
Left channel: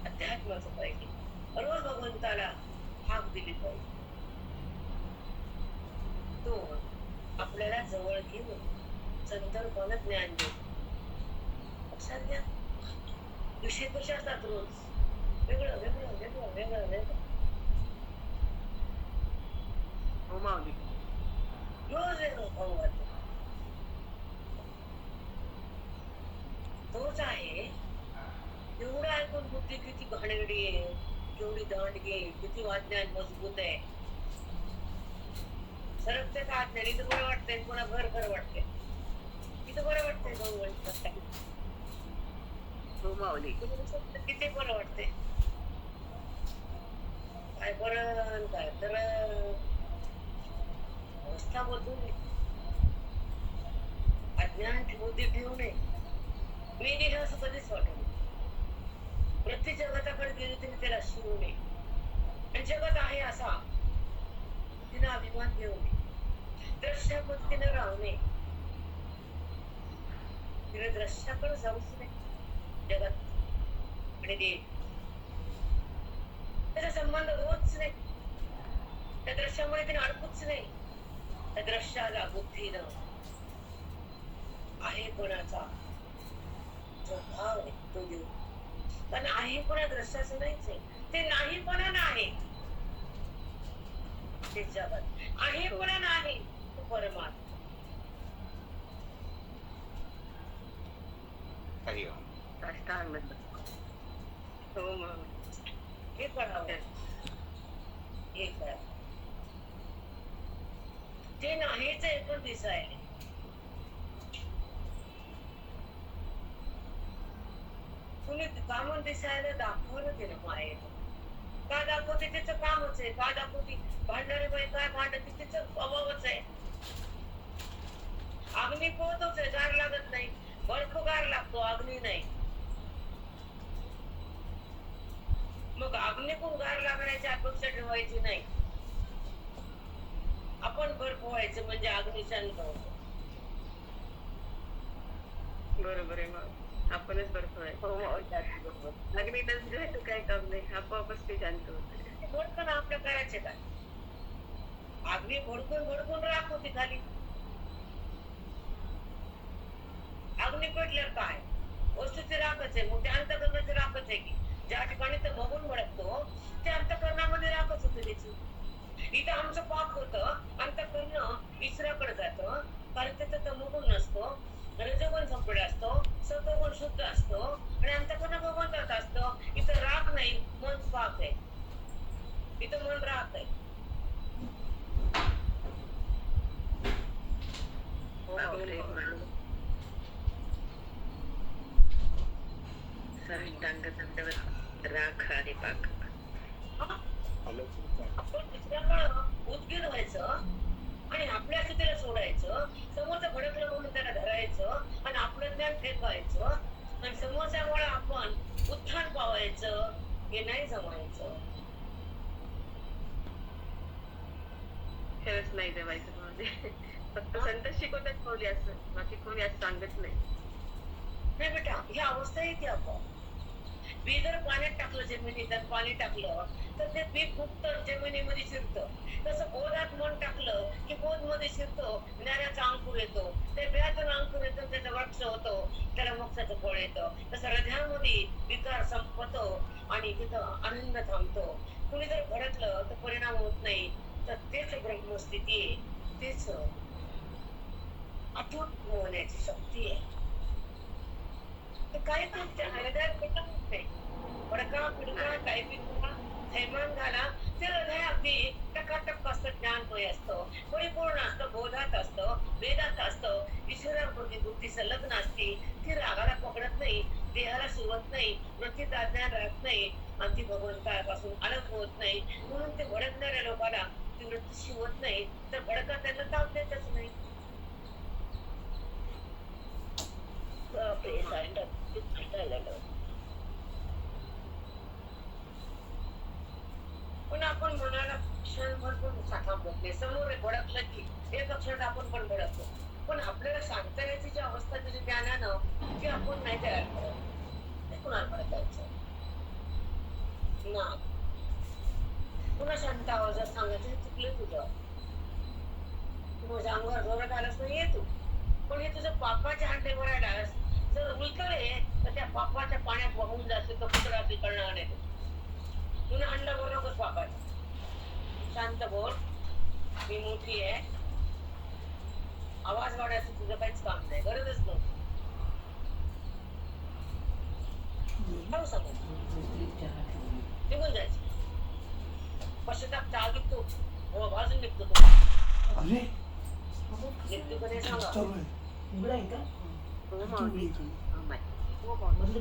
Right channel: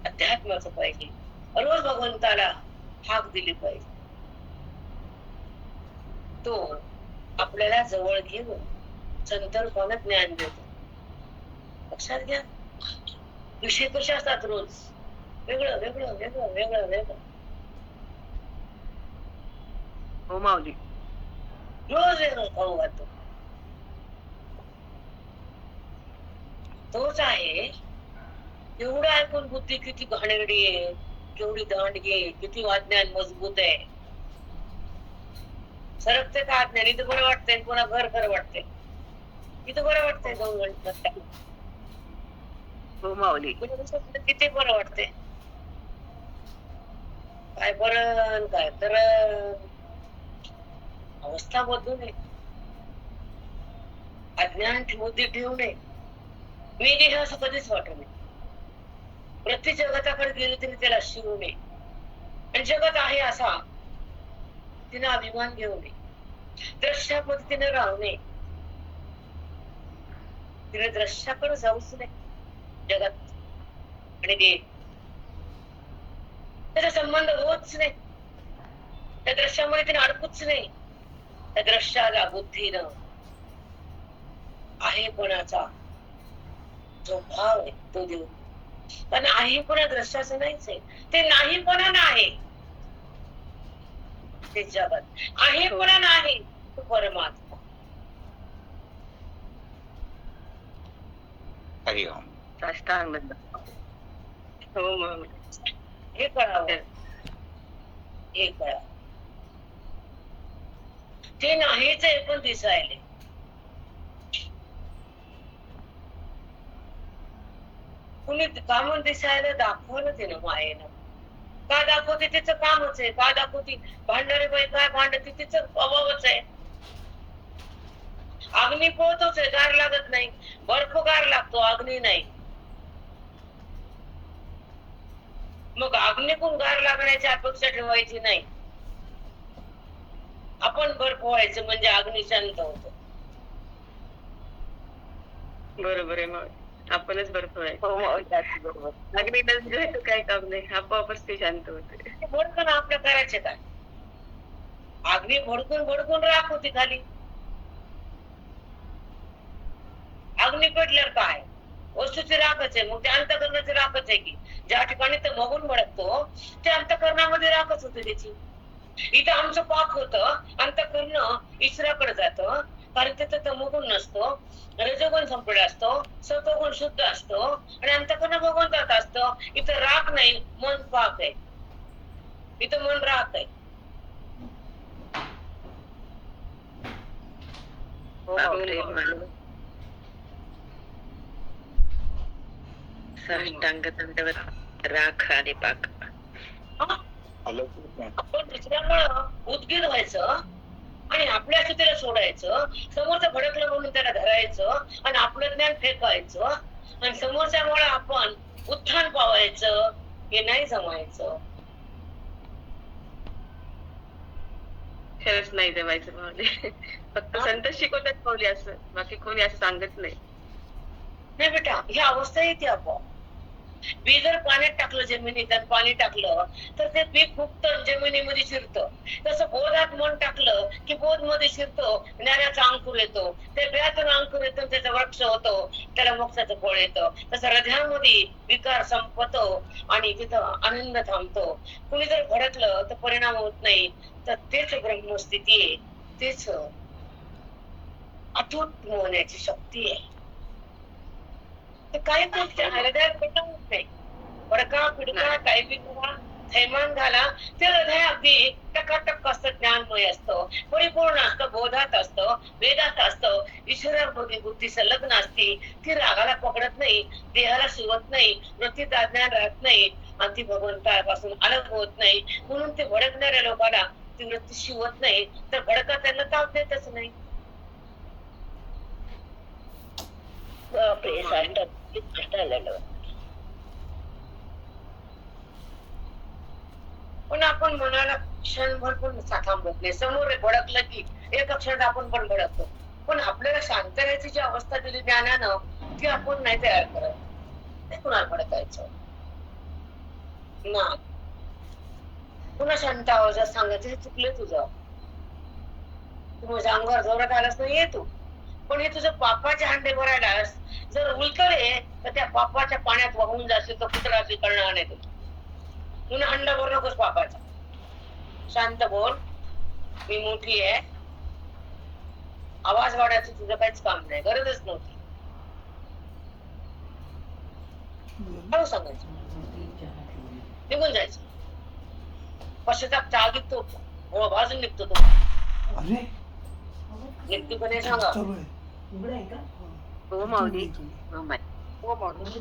अध्यात्माचं पाहिजे, रोज भगवंताला हाक दिली पाहिजे. तो आपल्याला जवळ घेऊन संतर्पण ज्ञान देतो. लक्षात घ्या, विषय कसे असतात रोज वेगळं वेगळं वेगळं वेगळं वेगळं. हो माऊली. रोज वेगळं खाऊ घालतो. तोच आहे. एवढं ऐकून बुद्धी किती घाणेरडी आहे, केवढी दांडगी आहे, किती अज्ञान मजबूत आहे. सरकते का अज्ञान? इथं बरं वाटतंय, पुन्हा घर खरं वाटतंय. इथं बरं वाटतंय 2 घंटे, हो माऊली. किती बरं वाटतंय. काय बरं काय तर अवस्था बदलू नये, अज्ञान बुद्धी ठेवू नये. मी देह असं कधीच वाटू नये. प्रत्येक जगताकडे गेली तरी त्याला शिवू नये, आणि जगत आहे असा तिने अभिमान घेऊ नये. द्रश्या पद्धतीने राहू नये, तिने द्रश्याकडे जाऊच नये. जगत आणि देह त्याचा संबंध होतच नाही. त्या दृश्यामध्ये तिने अडकूच नाही. त्या दृश्याला बुद्धीनं आहेपणाचा जो भाव आहे तो देऊ. पण आहेपणा दृश्याचं नाहीच आहे, ते नाहीपणा नाही, ते जगत. आहेपणा नाही, तो परमात्मा. हरिओम. साष्टांग हो माऊली. हे कळावं, हे कळावं. ते नाहीच आहे पण दिसायले. तुम्ही कामं दिसायला दाखवलं ते ना मायेनं. का दाखवते तिचं कामच आहे. का दाखवते भांडणारी बाई काय भांडते तिचं अभावच आहे. अग्नी पोहतोच आहे, गार लागत नाही. बर्फ गार लागतो, अग्नी नाही. मग अग्नीकून गार लागण्याची अपेक्षा ठेवायची नाही. आपण बर्फ व्हायचं म्हणजे अग्नी शांत होतो. बरोबर आहे माऊली. आपणच बर्फ आहे. हो बरोबर. अग्नी नसलं काही काम नाही, आपोआपच ते शांत होते. भडकन आपलं करायचे काय? अग्नी भडकून भडकून राख होती खाली. अग्नी पेटल्यावर काय? वस्तूची राखच आहे. मग ते अंतःकरणाची राखच आहे की. ज्या ठिकाणी ते बघून भडकतो ते अंतःकरणामध्ये राखच होते त्याची. इथं आमचं पाक होतं, अंतःकरण ईश्वराकडे जातं, कारण तिथं तमोगुण नसतो, रजोगुण संपलेला असतो, सत्वगुण शुद्ध असतो आणि अंतःकरण भगवंतात असतं. इथं राग नाही, मन पाक आहे. इथं मन राग आहे. हो माऊली म्हणून साष्टांग दंडवत राख आणि पाक. हा? आपण दुसऱ्यामुळं उद्गीर व्हायचं आणि आपल्या स्थितीला सोडायचं, समोरचं भडकलं म्हणून त्याला धरायचं आणि आपलं ज्ञान फेकायचं आणि समोरच्यामुळे आपण उत्थान पावायचं, हे नाही जमायचं. खरंच नाही जमायचं माऊली. फक्त संत शिकवतात माऊली असं, बाकी कोणी असं सांगत नाही. नाही बेटा, ही अवस्था येते आपोआप. बी जर पाण्यात टाकलं, जमिनीत त्यात पाणी टाकलं तर ते बी फुगतं, जमिनीमध्ये शिरतं. तसं बोधात मन टाकलं की बोध मध्ये शिरतो, ज्ञानाचा अंकुर येतो, त्या बियातून अंकुर येतो, त्याचा वृक्ष होतो, त्याला मोक्षाचं फळ येतं. तसं हृदयामध्ये विकार संपतो आणि तिथं आनंद थांबतो. कुणी जर भडकलं तर परिणाम होत नाही, तर तेच ब्रह्मस्थिती आहे, तेच अतूट होण्याची शक्ती आहे. ते काही गोष्टी हृदयात पटवत नाही. फडका पिडका काही बी करा, थैमान घाला, ते हृदय अगदी टकाटक असतं, ज्ञानमय असतं, परिपूर्ण असतं, बोधात असतं, वेदात असतं, ईश्वरामध्ये बुद्धी संलग्न असते. ती रागाला पकडत नाही, देहाला शिवत नाही, वृत्तीत अज्ञान राहत नाही आणि ती भगवंतापासून अलग होत नाही. म्हणून ते भडकणाऱ्या लोकांना ती वृत्ती शिवत नाही, तर भडका त्यांना ताप देतच नाही. बापरे, साष्टांग पण आपण मनाला क्षणभर पण थांबवत नाही. समोर भडकलं की एका क्षणात आपण पण भडकतो. पण आपल्याला शांत राहायची जी अवस्था दिली ज्ञानानं, ती आपण नाही तयार करत. ते कुणाला भडकायचं ना. पुन्हा शांत आवाजात सांगायचं, हे चुकलं तुझं, तू माझ्या अंगावर जोरात आलास नाही येतो, पण हे तुझं पापाचे हांडे भरायलास जर उलटले तर त्या पापाच्या पाण्यात वाहून जाशील, तर कुत्रा असे करणार नाही. पुन्हा हंडा भरू नकोस पापाचा. शांत बोल, मी मोठी आहे. आवाज वाढायचं तुझं काहीच काम नाही, गरजच नव्हती. हळू सांगायचं, निघून जायचं. पश्चाताप चालत तो हो भाजून निघतो तो. निघतो का नाही सांगा. हो माऊली. हो माय. हो माणूस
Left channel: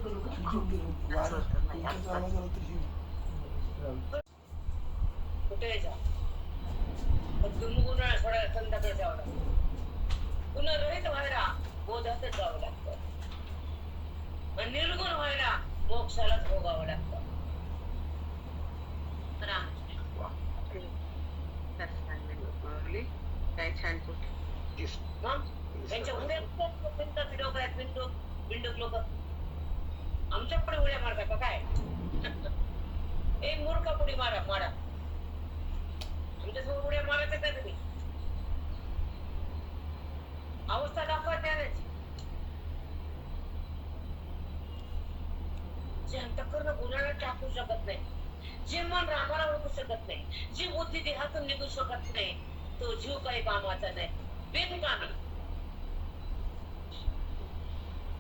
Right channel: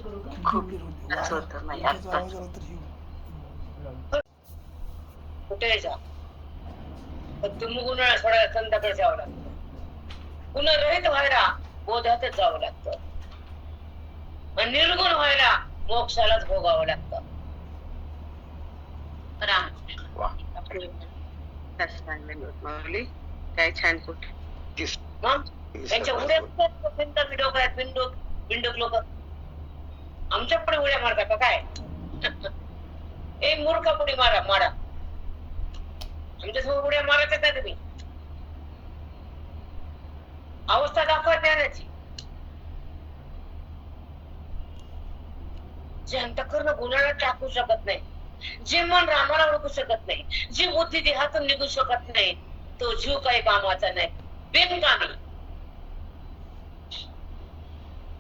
खूप त्रास होतो माई आत्ताच. कुठे जा, पण तुम्ही उन्हाळा सोडायला संध्याकाळी जावं लागतं. पुन्हा रहित व्हायला बोधातच जावं लागतं आणि निर्गुण व्हायला मोक्षालाच भोगावं लागतं. माऊली काय छान कुठे मग त्यांच्या उड्या बिंडोक आहेत, बिंडोक लोक आमच्या पुढे उड्या मारतात का काय? एक मूर्खा पुढे मारा. आमच्या समोर उड्या मारायच्या का तुम्ही? अवस्था दाखवा ज्ञानाची. जे अंतःकरण गुणाला टाकू शकत नाही, जे मन रामाला ओळखू शकत नाही, जी बुद्धी देहातून निघू शकत नाही, तो जीव काही कामाचा नाही, बेकामी.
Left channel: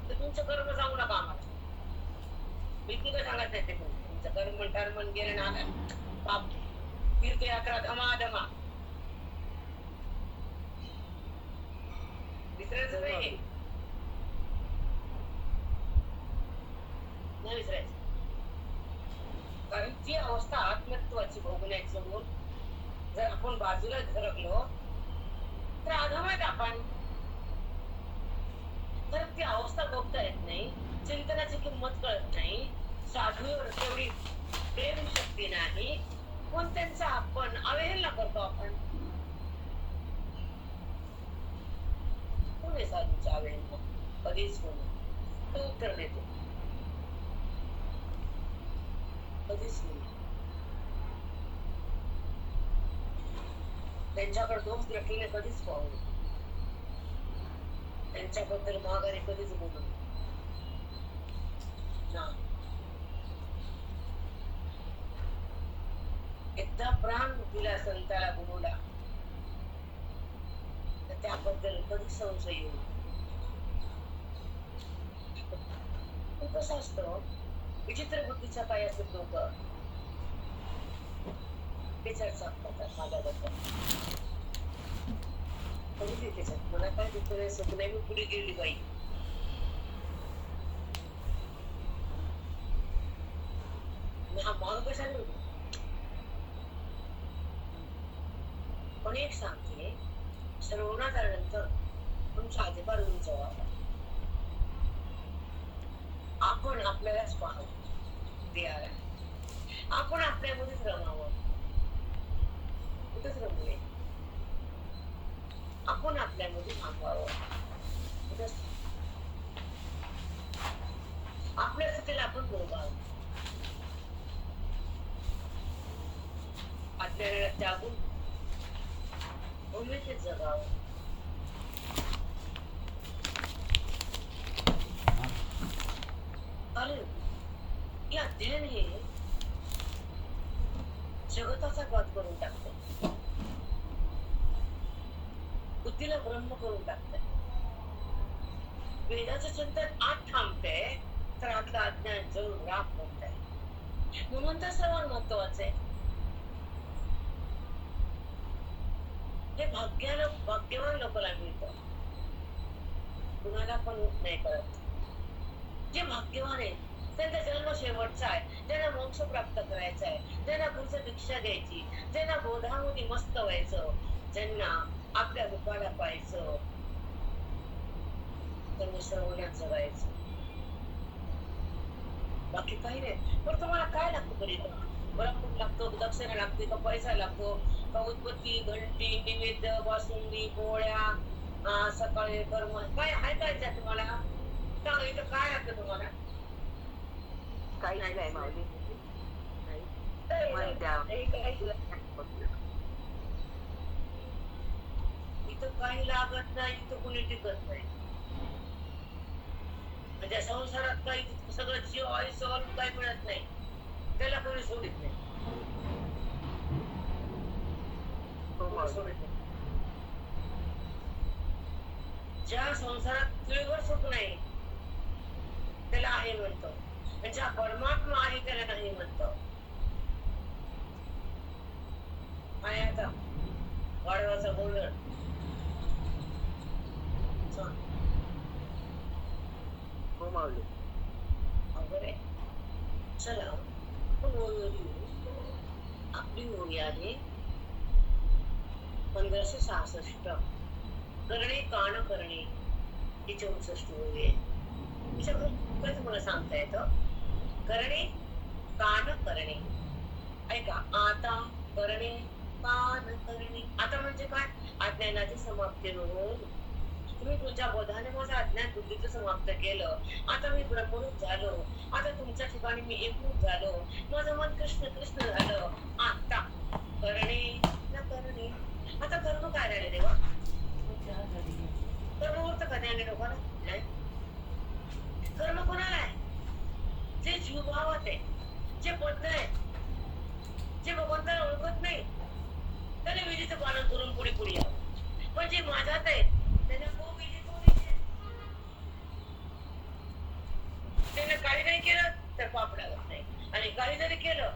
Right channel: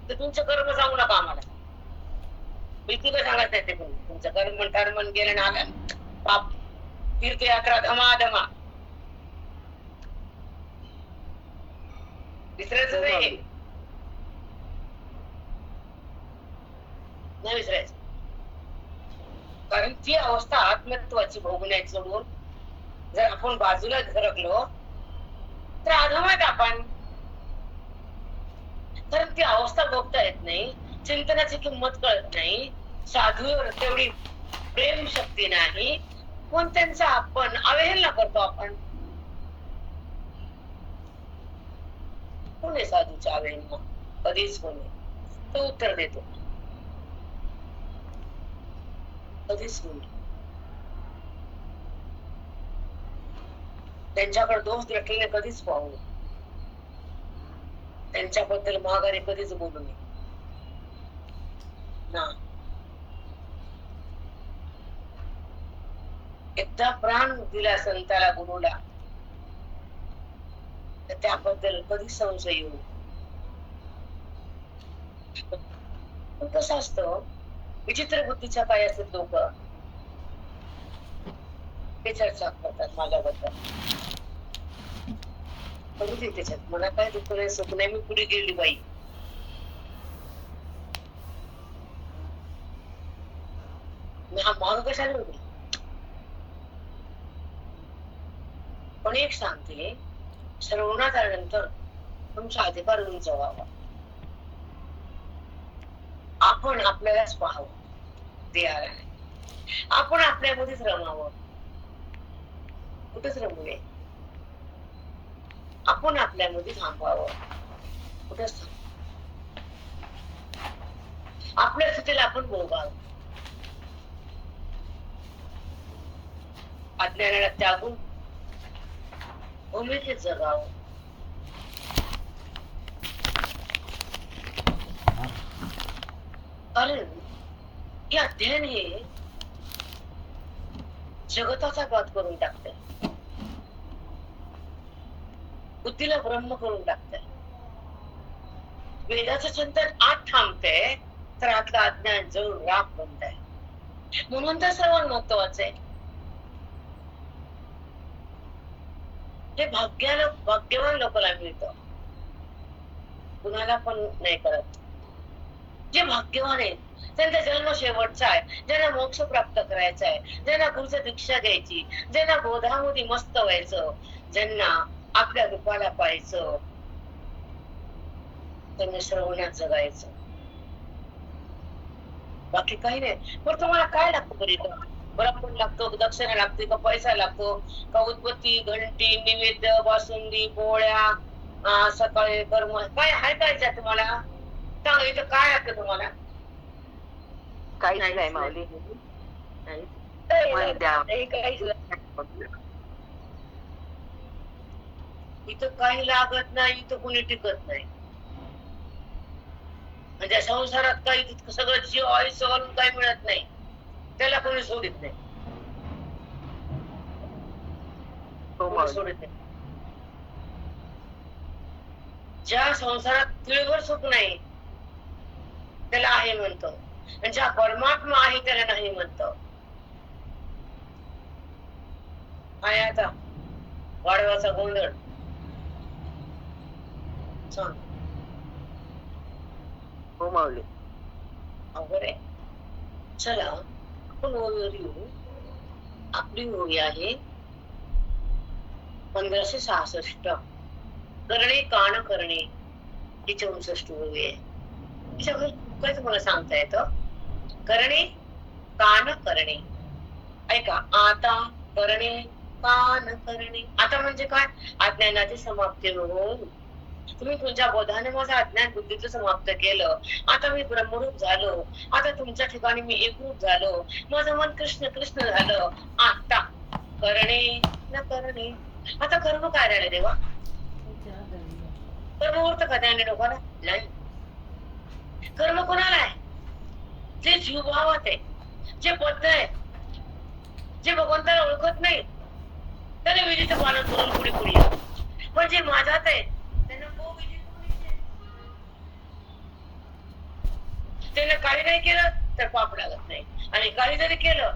तर तुमचं कर्म सांगू नका आम्हाला. भीतीला सांगत नाही ते तुमचं कर्म टर्मन गेलं ना आलं पाप, तीर्थयात्रा धमाधमा विसरायचं नाही विसरायचं. कारण ती अवस्था आत्मत्वाची भोगण्याची सोडून जर आपण बाजूला सरकलो तर अधमात आपण. तर ती अवस्था भोगता येत नाही, चिंतनाची किंमत कळत नाही, साधूवर तेवढी प्रेम शक्ती नाही, पण त्यांचा आपण अवहेलना करतो. आपण कोण आहे साधूच्या अवहेलना? कधीच कोणी. तो उत्तर देतो, कधीच कोणी. त्यांच्याकडे दोष दृष्टीने कधीच पाहू नये, त्यांच्याबद्दल माघारी कधीच बोलू नये ना. एकदा प्राण दिला संताला गुरुला, तर त्याबद्दल कधी संशय येऊ. पण कसं असतं, विचित्र बुद्धीच्या काय असतात लोक, ते चर्चा करतात माझ्याबद्दल. करू दे त्याच्यात, मला काय दुःख नाही सुख नाही, मी पुढे गेली बाई. मी हा मान कशाला होते. पण एक सांगते, श्रवणात आल्यानंतर तुमचा अधिकार उंच व्हावा. आपण आपल्यालाच पाहावं देहाला. आपण आपल्यामध्येच रमावं. कुठेच रमू नये. आपण आपल्यामध्ये थांबावं. कुठेच थांब. आपल्या स्थितीला आपण भोगावं. अज्ञानाला त्यागून भूमिकेत जगावं. कारण हे अध्ययन हे जगताचा घात करून टाकतंय. बुद्धीला ब्रह्म करून टाकतंय. वेदाचं चिंतन आत थांबतंय, तर आतलं अज्ञान जळून राख बनतंय. म्हणून तर श्रवण महत्वाचं आहे. हे भाग्यवान लोकांना मिळतं, कुणाला पण नाही करत. जे भाग्यवान आहेत त्यांचा जन्म शेवटचा आहे, ज्यांना मोक्ष प्राप्त करायचा आहे, ज्यांना गुरुची दीक्षा घ्यायची, ज्यांना बोधामध्ये मस्त व्हायचं, ज्यांना आपल्या रूपाला पाहायचं, त्यांनी श्रवणात जगायचं. बाकी काही नाही. पण तुम्हाला काय लागतं बरी? ब्राह्मण लागतो, दक्षिणा लागते, का पैसा लागतो, का उदबत्ती, घंटी, नैवेद्य, बासुंदी, पोळ्या, सकाळी कर्म, काय हाय काय तुम्हाला सांगा. इथं काय लागतं तुम्हाला? काहीच नाही माऊली. इथं काही लागत नाही, इथं कोणी टिकत नाही. म्हणजे संसारात काही सगळं जीव आयुष्य घालून काही मिळत नाही, त्याला कोणी सोडित नाही. कोणी सोडित नाही. ज्या संसारात तिळभर सुख नाही त्याला आहे म्हणतो, आणि ज्या परमात्मा आहे त्याला नाही म्हणतो. काय आता वाढवाचा गोंधळ सांग. हो माऊली. अवघड आहे. चला आपण ओळीवर येऊ. आपली ओळी आहे 1566. करणे कान करणे ही 64 ओळी आहे. त्याच्यावर काय तुम्हाला सांगता येतं? करणे कान करणे. ऐका, आता करणे कान करणे. आता म्हणजे काय? अज्ञानाची समाप्ती होऊन तुम्ही तुमच्या बोधाने माझं अज्ञान बुद्धीचं समाप्त केलं. आता मी ब्रह्मरूप झालो. आता तुमच्या ठिकाणी मी एकरूप झालो. माझं मन कृष्ण कृष्ण झालं. आता करणे न करणे. आता कर्म काय राहिले देवा? कर्मवृत्त का त्याने लोकांना नाही. कर्म कोणाला आहे? जे जीवभावात आहे, जे बद्ध आहे, जे भगवंताला ओळखत नाही, त्याने विधीचं पालन करून पुढे पुढे. पण जे माझ्यात आहे त्याने काही नाही केलं तर पाप लागत नाही, आणि काही जरी केलं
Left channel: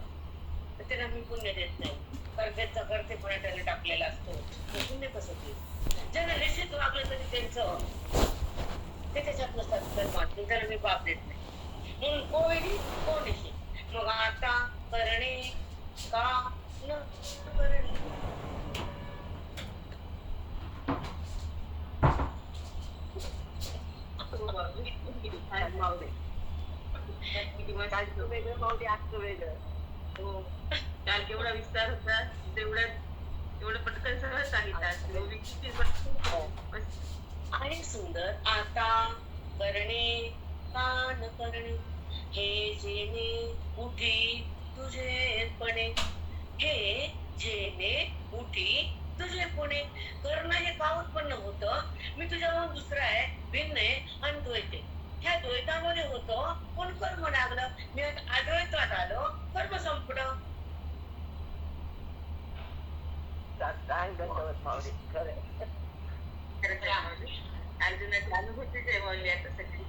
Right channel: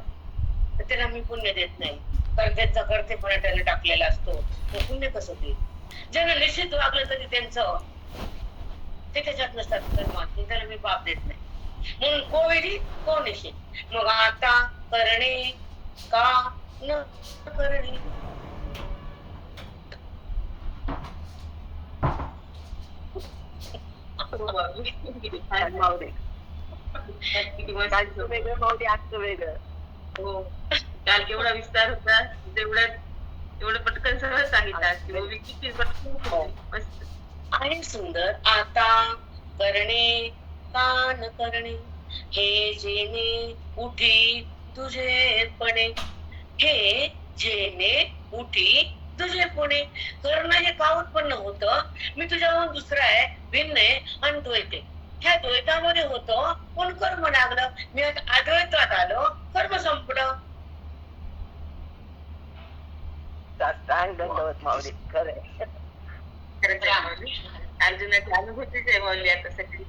तर त्याला मी पुण्य देत नाही, कारण त्यांचा कर्तेपणा त्याने टाकलेला असतो. तो पुण्य कसं देईल? ज्यांना निश्चित वागलं तरी त्यांचं ते त्याच्यात नसतात कर्मात, त्याला मी पाप देत नाही. म्हणून को विधी को निश्चित. मग आता करणे का न करणे. काल केवढा विस्तार होता, तेवढं पटकन सगळं सांगितलं. आणि सुंदर. आता करणे कान करणे हे जेणे उठी तुझेपणे. हे जेणे उठी तुझेपणे. करणं हे का उत्पन्न होतं? मी तुझ्याहून दुसरा आहे, भिन्न आहे आणि द्वैत आहे. ह्या द्वैतामध्ये होतो पण कर्म लागलं. मी आता अद्वैतात आलो, कर्म संपलं. दंडवत माऊली. खरं खरंच आहे माऊली. अर्जुनाची अनुभूतीच आहे माऊली आता सगळी.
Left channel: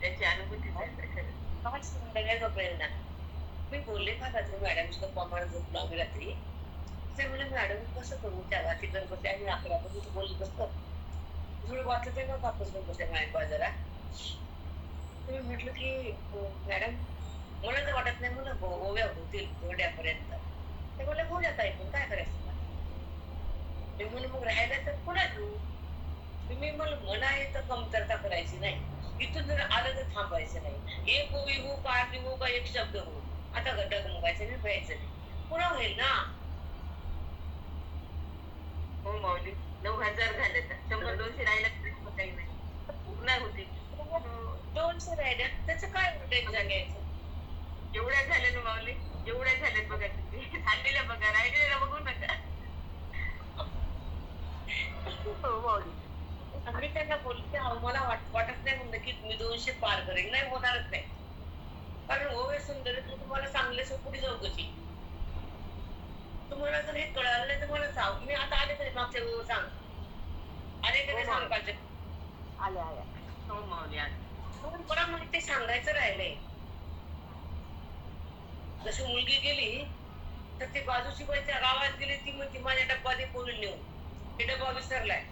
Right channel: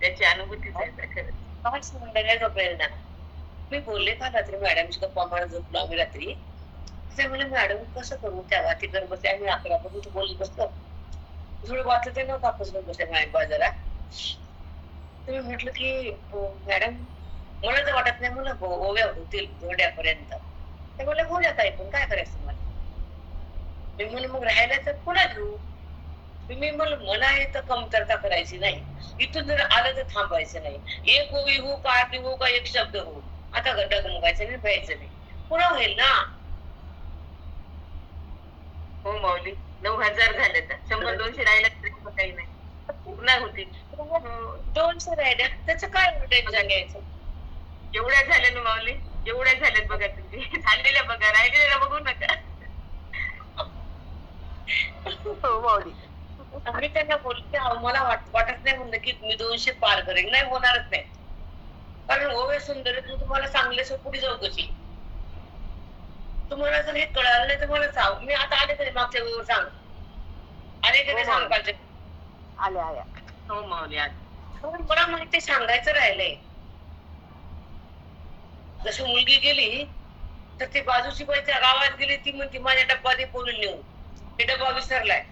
त्याची अनुभूतीच आहे आता खरंच. काय सुंदर आहे गं प्रेरणा. मी बोलले का रात्री मॅडमची गप्पा मारत झोपलो आम्ही रात्री. ते म्हणे मॅडम कसं करू त्या वाती करत बसले आम्ही 11 पर्यंत बोलत बसलो. थोडं वाचत आहे ना कापूस घेऊन बसले माझ्या बाजारा. तर मी म्हटलं की मॅडम मला तर वाटत नाही मला ओव्या होतील थोड्यापर्यंत. ते म्हणले बोला ताई पण काय करायचं मला. मी म्हणलं मग राहायला तर पुन्हा घेऊ. मी म्हणलं मला हे तर कमतरता करायची नाही. इथून जर आलं तर थांबायचं नाही. एक ओवी हो का अर्धी हो का एक शब्द हो. आता गड्डा गमवायचं नाही भ्यायचं नाही. पुन्हा होईल ना. हो माऊली. 9,000 झाले तर 100-200 राहिला तरी मग काही नाही. पूर्ण होतील. हो. 200 राहिल्या त्याचं काय टेन्शन घ्यायचं. एवढ्या झाल्या ना माऊली. एवढ्या झाल्यात बघा तुम्ही. झालेल्या बघा राहिलेल्या बघू नका. हो माऊली. मी त्यांना बोलते मला वाटत नाही म्हणलं की मी 200 पार करेन. नाही होणारच नाही. कारण ओवे सुंदर आहे तर तुम्हाला चांगले पुढे जाऊ कशी. तुम्हाला जर हे कळालं नाही तर मला सांग. मी आता आले तरी मागच्या वेळेवर सांग. आले कधी सांग पाहिजे. आल्या आल्या. हो माऊली आल्या. मला माहिती ते सांगायचं राहिलंय. जशी मुलगी गेली तर ती बाजूची बाई त्या गावात गेली ती म्हणते माझ्या डब्बा दे पोरून नेऊन. हे डब्बा विसरलाय.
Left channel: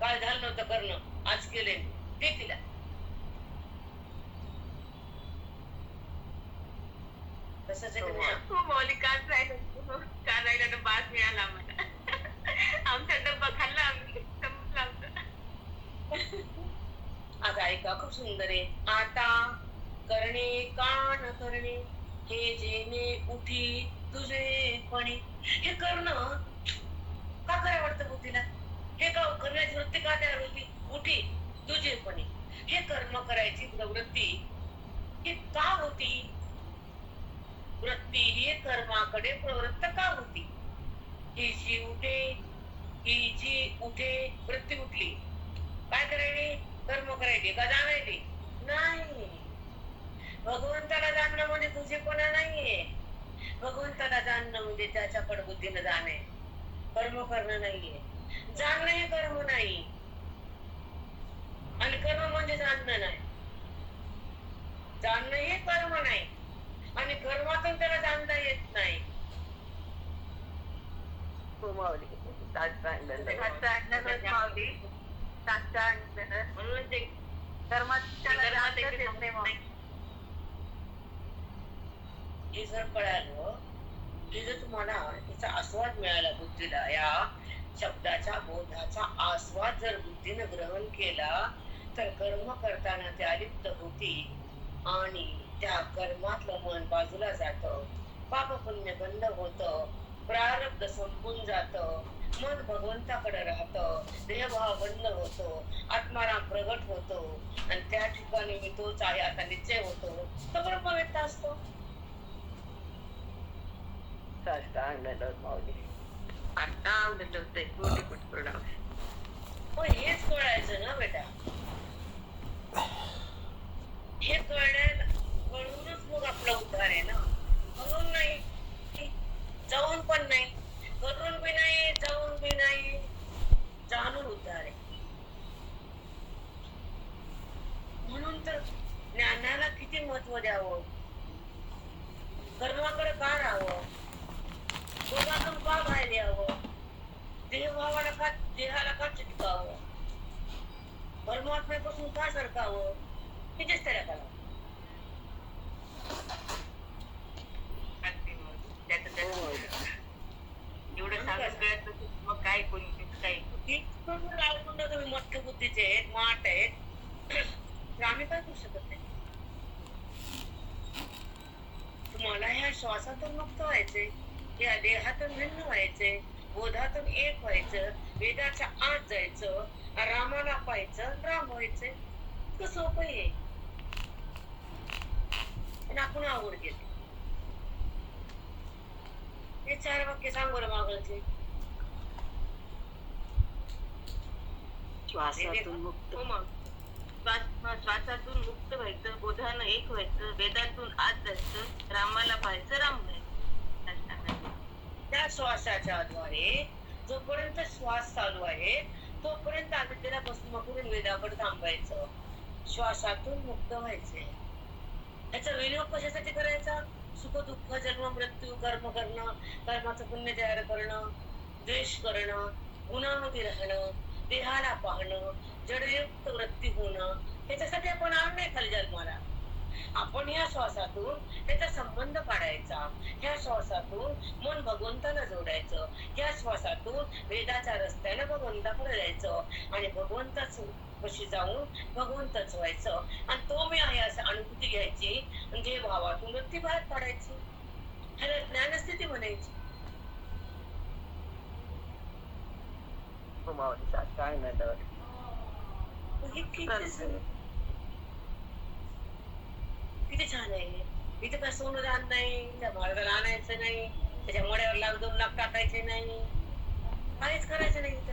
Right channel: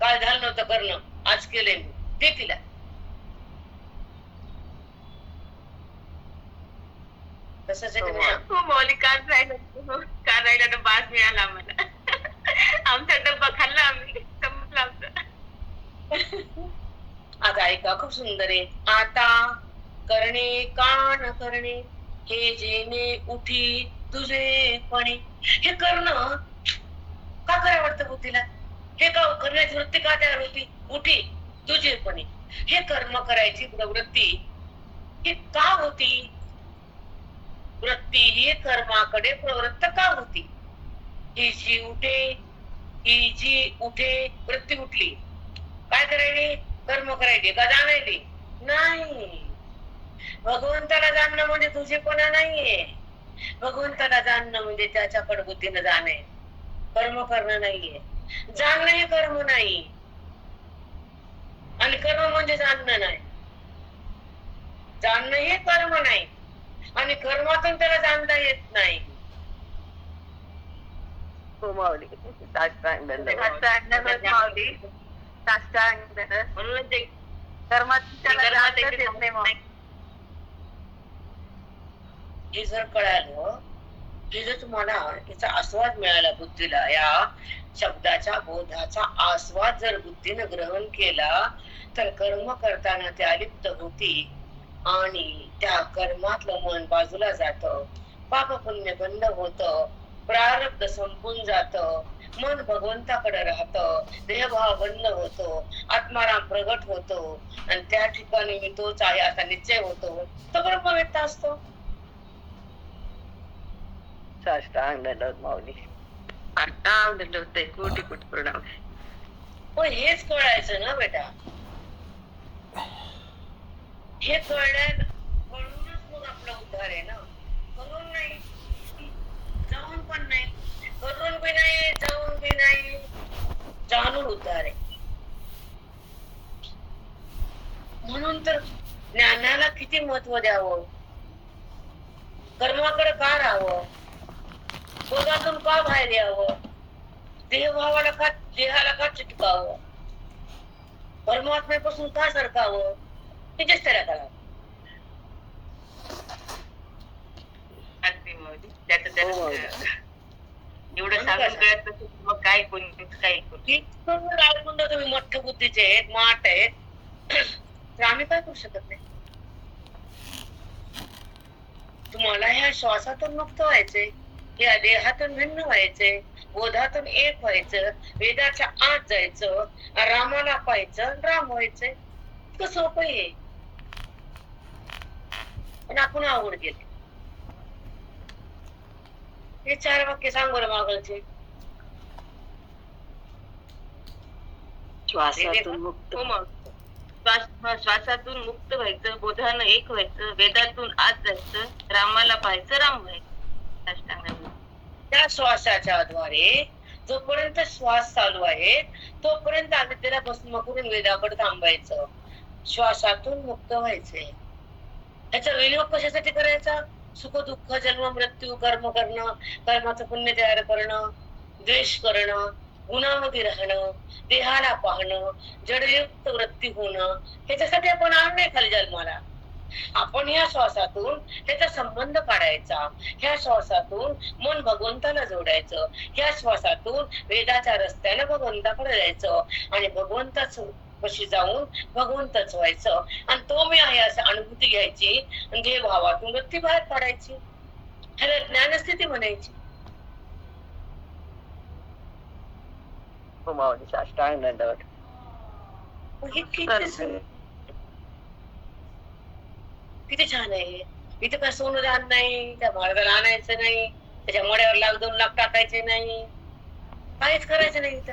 काय झालं नव्हतं करणं आज केलंय मी. दे तिला. तसंच आहे तुम्ही. हो माऊली काल राहिला डब्बा आज मिळाला आम्हाला. आमचा डब्बा खाल्ला आम्ही. संपला आमचा. आता ऐका खूप सुंदर आहे. आता करणे कान करणे हे जेणे उठी तुझे पणे. हे करणं का करावं वाटतं बुद्धीला. हे का करण्याची वृत्ती का तयार होती. उठी तुझेपणे. हे कर्म करायची प्रवृत्ती ही का होती. वृत्ती ही कर्माकडे प्रवृत्त का होती. ही जी उठे वृत्ती उठली. काय करायली कर्म करायचे का जाणायचे नाही. भगवंताला जाणणं म्हणजे तुझेपणा नाहीये. भगवंताला जाणणं म्हणजे त्याच्याकडे बुद्धीनं जाणे. कर्म करणं नाहीये. जाणणं हे कर्म नाही आणि कर्म म्हणजे जाणणं नाही. जाणणं हे कर्म नाही आणि कर्मातून त्याला जाणता येत नाही. हो माऊली. माऊली म्हणूनच ते हे जर कळालं हे जर तुम्हाला याचा आस्वाद मिळाला बुद्धीला या शब्दाच्या बोधाचा आस्वाद जर बुद्धीनं ग्रहण केला तर कर्म करताना ते अलिप्त होती आणि त्या कर्मातलं मन बाजूला जातं. पाप पुण्य बंद होतं. प्रारब्ध संपून जातं. मन भगवंताकडे राहतं. देहभाव बंद होतो. आत्माराम प्रगट होतो आणि त्या ठिकाणी मी तोच आहे असा निश्चय होतो. तो ब्रह्म व्यक्त असतो. साष्टांग दंडवत माऊली. साष्टांग दंडवत कोटी कोटी प्रणाम. पण हेच कळायचं ना बेटा. हे कळूनच मग आपला उद्धार आहे ना. करून नाही जाऊन पण नाही. करून बी नाही जाऊन बी नाही. जाणून उद्धार आहे. म्हणून तर ज्ञानाला किती महत्व द्यावं. कर्माकडे का राहावं. शोधातून का बाहेर यावं. देहभावाला का देहाला का चिटकावं. परमात्म्यापासून का सरकावं. हे चेष्टा करावं. अगदी माऊली. एवढं सांगून कळत नसेल मग काय कोणी काय तुम्ही मठ्ठ बुद्धीचे आहेत माठ आहेत तर आम्ही काय करू शकत नाही. तुम्हाला ह्या श्वासातून मुक्त व्हायचे. या देहातून भिन्न व्हायचे. बोधातून एक व्हायचं. वेदाच्या आत जायचं. रामाला पाहायचं राम व्हायचंय. इतकं सोपं आहे. पण आपण आवड गेले. हे 4 वाक्य सांग बरं मागलचे. श्वासातून मुक्त. हो मग श्वासातून मुक्त व्हायचं. बोधानं एक व्हायचं. वेदातून आत जायचं. रामाला पाहायचं राम व्हायचं. त्या श्वासाच्या द्वारे जोपर्यंत श्वास चालू आहे तोपर्यंत अविद्येला भस्म करून वेदाकडे थांबायचं, श्वासातून मुक्त व्हायचंय. त्याचा विनियोग कशासाठी करायचा? सुख दुःख जन्म मृत्यू कर्म करणं, कर्माचं पुण्य तयार करणं, द्वेष करणं, गुणामध्ये राहणं, देहाला पाहणं, जडयुक्त वृत्ती होणं, ह्याच्यासाठी आपण आणलंय खाली जन्माला. आपण ह्या श्वासातून त्याचा संबंध काढायचा, ह्या श्वासातून मन भगवंताला जोडायचं, ह्या श्वासातून वेदाच्या रस्त्याने भगवंताकडे जायचं आणि भगवंताच कशी जाऊन भगवंतच व्हायचं आणि तो मी आहे असं अनुभूती घ्यायची आणि जे भावातून वृत्ती बाहेर काढायची. ह्याला ज्ञानस्थिती म्हणायची. हो माऊली, साष्टांग दंडवत. हे किती छान आहे. इथे काय सोनं दान नाही, त्या महाराजाला आणायचं नाही, त्याच्या मड्यावर 1,00,000-2,00,000 टाकायचे नाही, काहीच करायचं नाही. इथं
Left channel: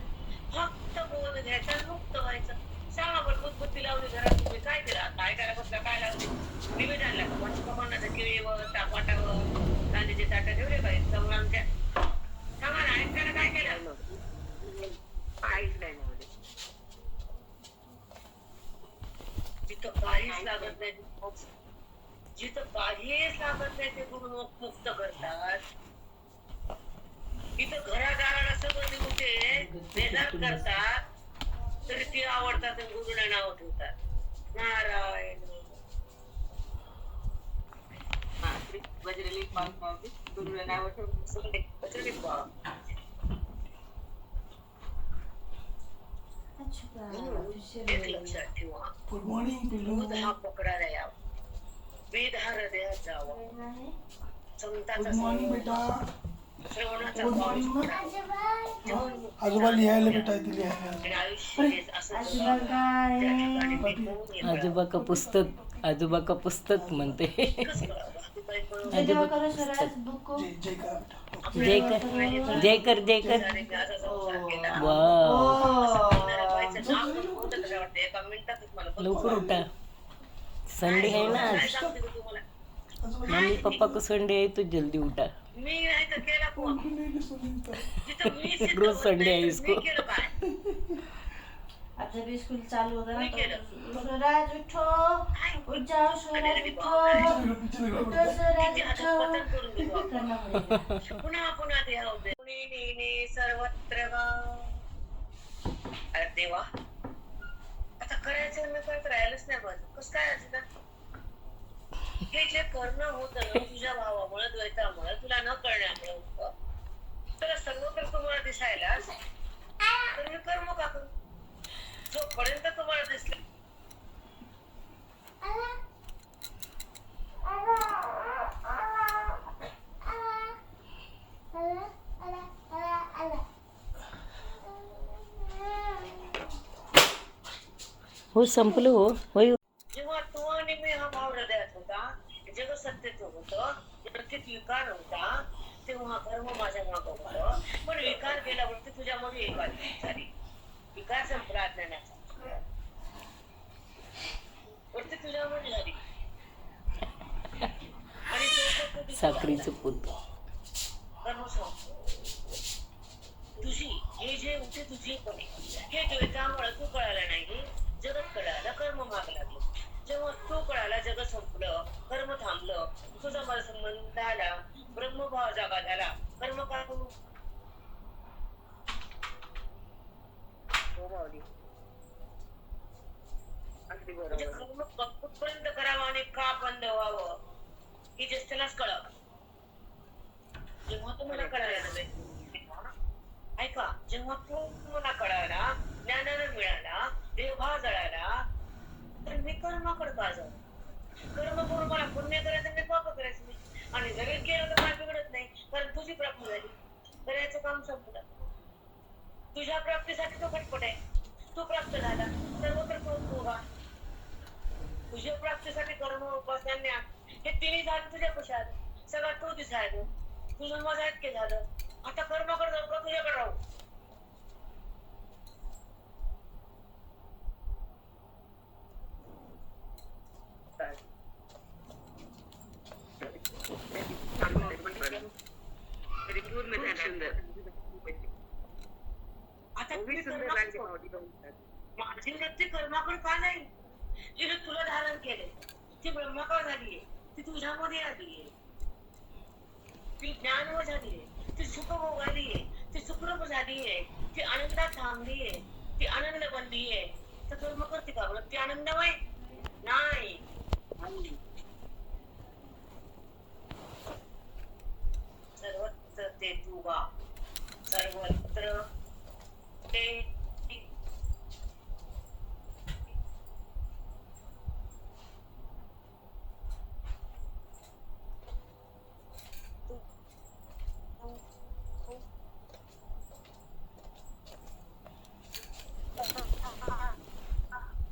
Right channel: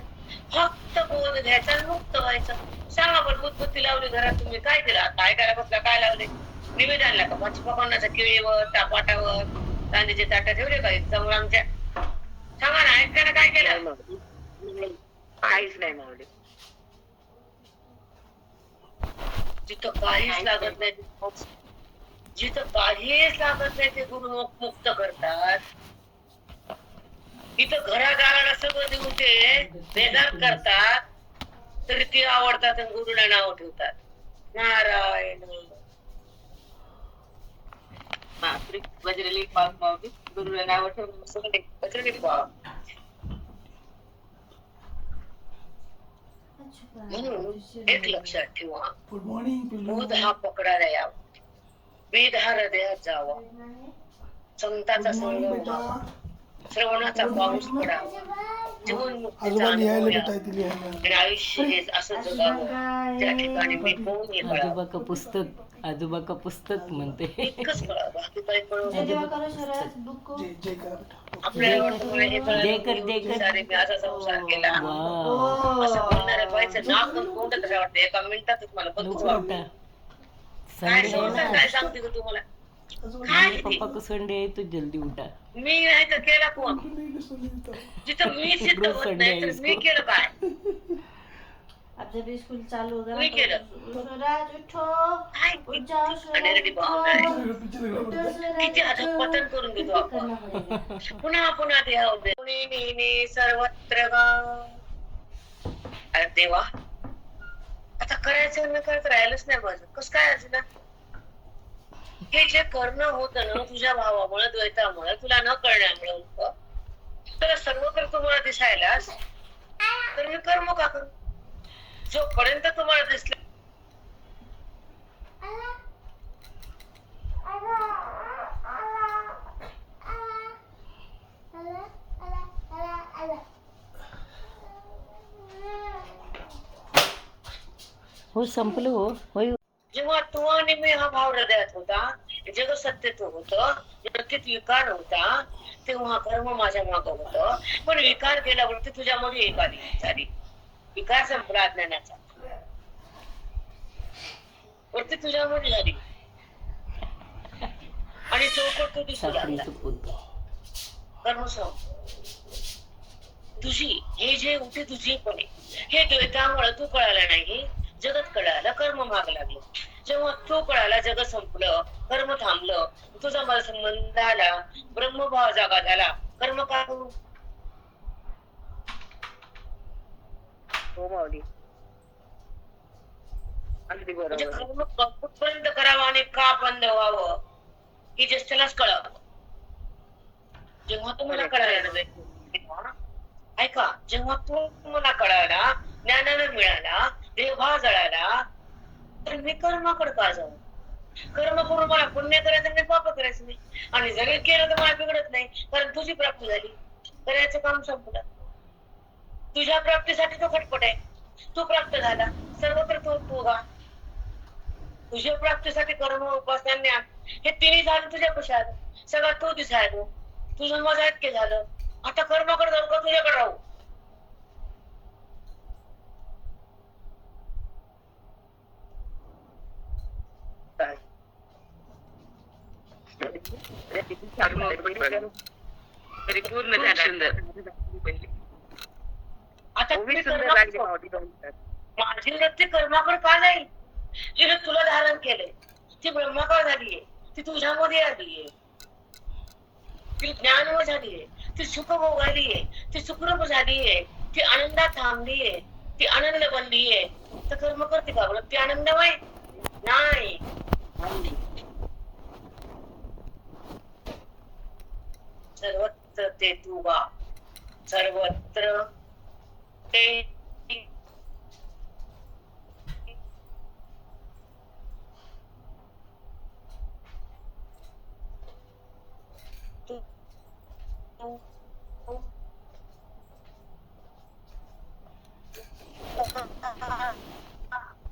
फक्त बोध घ्यायचा आणि मुक्त व्हायचं. सांगा बरं, बुद्धबुद्धी लावली घरात, तुम्ही काय केलं? काय करायला बसला? काय लावले? निवेद आणला का? मच्छी पकवण्याच्या केळीवर, तापाटावर कांद्याचे ताट ठेवले का समोर आमच्या? सांगा ना, ऐकताना काय केलं? काहीच नाही माऊली. जिथं काहीच लागत नाही, जिथं काहीच लागत नाही ते गुरु मुक्त करतात. इथं घरादाराला सगळं देऊन ते बेजार करतात, तरी ती आवडतात आणि गुरुला नाव ठेवतात. नारायण बजरंगी पाव माऊली गुरुला नाव ठेवून बजरंगी पाव. म्हणून एक लक्षात ठेवा, बोध हा पकडायला यावा, वेद हा हृदयात जावा, संतांचा संग व्हावा, श्रवणाचा पाऊस पडावा, जीवनमुक्तीचा अनुभव घ्यावा आणि आयुष्य हे असं जगावं त्या ठिकाणी मी कोण हे आजोबा कळावं. का पुस्तक म्हणते. एकच कळावं, बाकी काही कळू जय नये. आपल्याला वाटतं हे कळलं, जय कर. सारे मी असा संसार केला वा, असं म्हणणाऱ्या बाईचं नाव पण कोणतं तरी वाटतं. एका मिनिटातच मला बघू लवकर वाटतं. उठा. काय संडे आहे संसार, ना. काय सांगते का तुम्हाला? मम्मी पापा को संडे है तो जल्दी उठा. मी नाही तर केला कोण? जिथं मी सिद्ध रोज होत संडे नाही आहे तर मी केलं काय? आता भी स्कूल चालू होगा मी केलं. राज उठो काय? उठ जाओ अनेरडी उठो बावळा. उठो सूरज किती अधःपतन करून देतो आपण. करना पड़ेगा पुन्हा पुन्हा देहा उभे. कुणी नेने सर्वत्र गा. अरे देवा, आता करायचं न करत राहिलंच नाही माझं. कसं काय असं ना? हे जे करणं होतं ना तुझ्या भावामुळे, द्वैतामुळे, तुला न कळण्यामुळे होतं, तर सर्व कर तुम्हाला दिसायलाच, तर मी कर्म का करू? जोपर्यंत तुम्हाला दिसलं हो संपलं हो. होय. जेव्हा तू आणि मी हा भाव हृदयात होता, जग सत्यत्व होतं, जगतीत विकार होता, तेव्हा कर्म माझ्या मागं होतं. पण विकार गेल्यावरती तुझ्यामध्ये एक आली झाली. विकार संपला अज्ञानाचा, वरती तुझ्यामध्ये झाली आणि तो दिसू लागला. साखरेचं पोत. कर्म संपलं. तुझी हे जे होते तुझी पण हे द्वैतामुळे तू कळालं नाही, जगत कळालं, कर्म माग लागलं. जेव्हा तू कळाला, जग संपलं, कर्म थांबलं, तुझा मला संबंध आला, ब्रह्मभाव जागा झाला, कर्म का करू? हो माऊली, अगदी म्हणजे बरोबर. कर्म कुठपर्यंत करावं आणि का बंद व्हावं हे ज्येष्ठालाच कळावं. जेव्हा तुम्हाला कळायला ऐका, जेव्हा तू मला कळाला, ज्ञानानं मिळाला, देवभाव जळाला, तर मी कर्माकडे का जाऊ? कर्म करून मला पुण्य करायचं नाही, पाप करायचं नाही. आणि जरी केलं तर मला बिघडत नाही, कारण तुझी प्राप्ती झाली, करायचं काम संपलं. तुझ्या प्राप्तीसाठी तो खटपट आहे. तू प्राप्त झाला, सर्वत्र तो उभा. तुझ्या प्राप्तीसाठी कर्म, उपासना, ज्ञान हे तिन्ही झालं तुझ्या पशात. सगळं तो दिसायला, तुझं माझं ऐक्य झालं. आता कर्माकडे जाऊ का तुझ्याकडे राहू? परिपूर्ण झाला. आता खूपच तुम्ही सुंदर कर्म लागली करा. माऊली तुमचं. माझी वृत्ती कर्माकडे का जाईल? जिने तुला धारण केलंय ती ब्रह्माकडे झालीये, ती तुझ्यामध्ये आलीये, ती ज्ञानव झालीये, ती सुख भोगालीये, ती सुखरूप झालीये, ती आनंदात थांबलीये, ती आनंद बनलीये. तर कर्म करते का वृत्ती आनंदमय नाही. सर्वत्र ते तू वा, सर्वत्र ते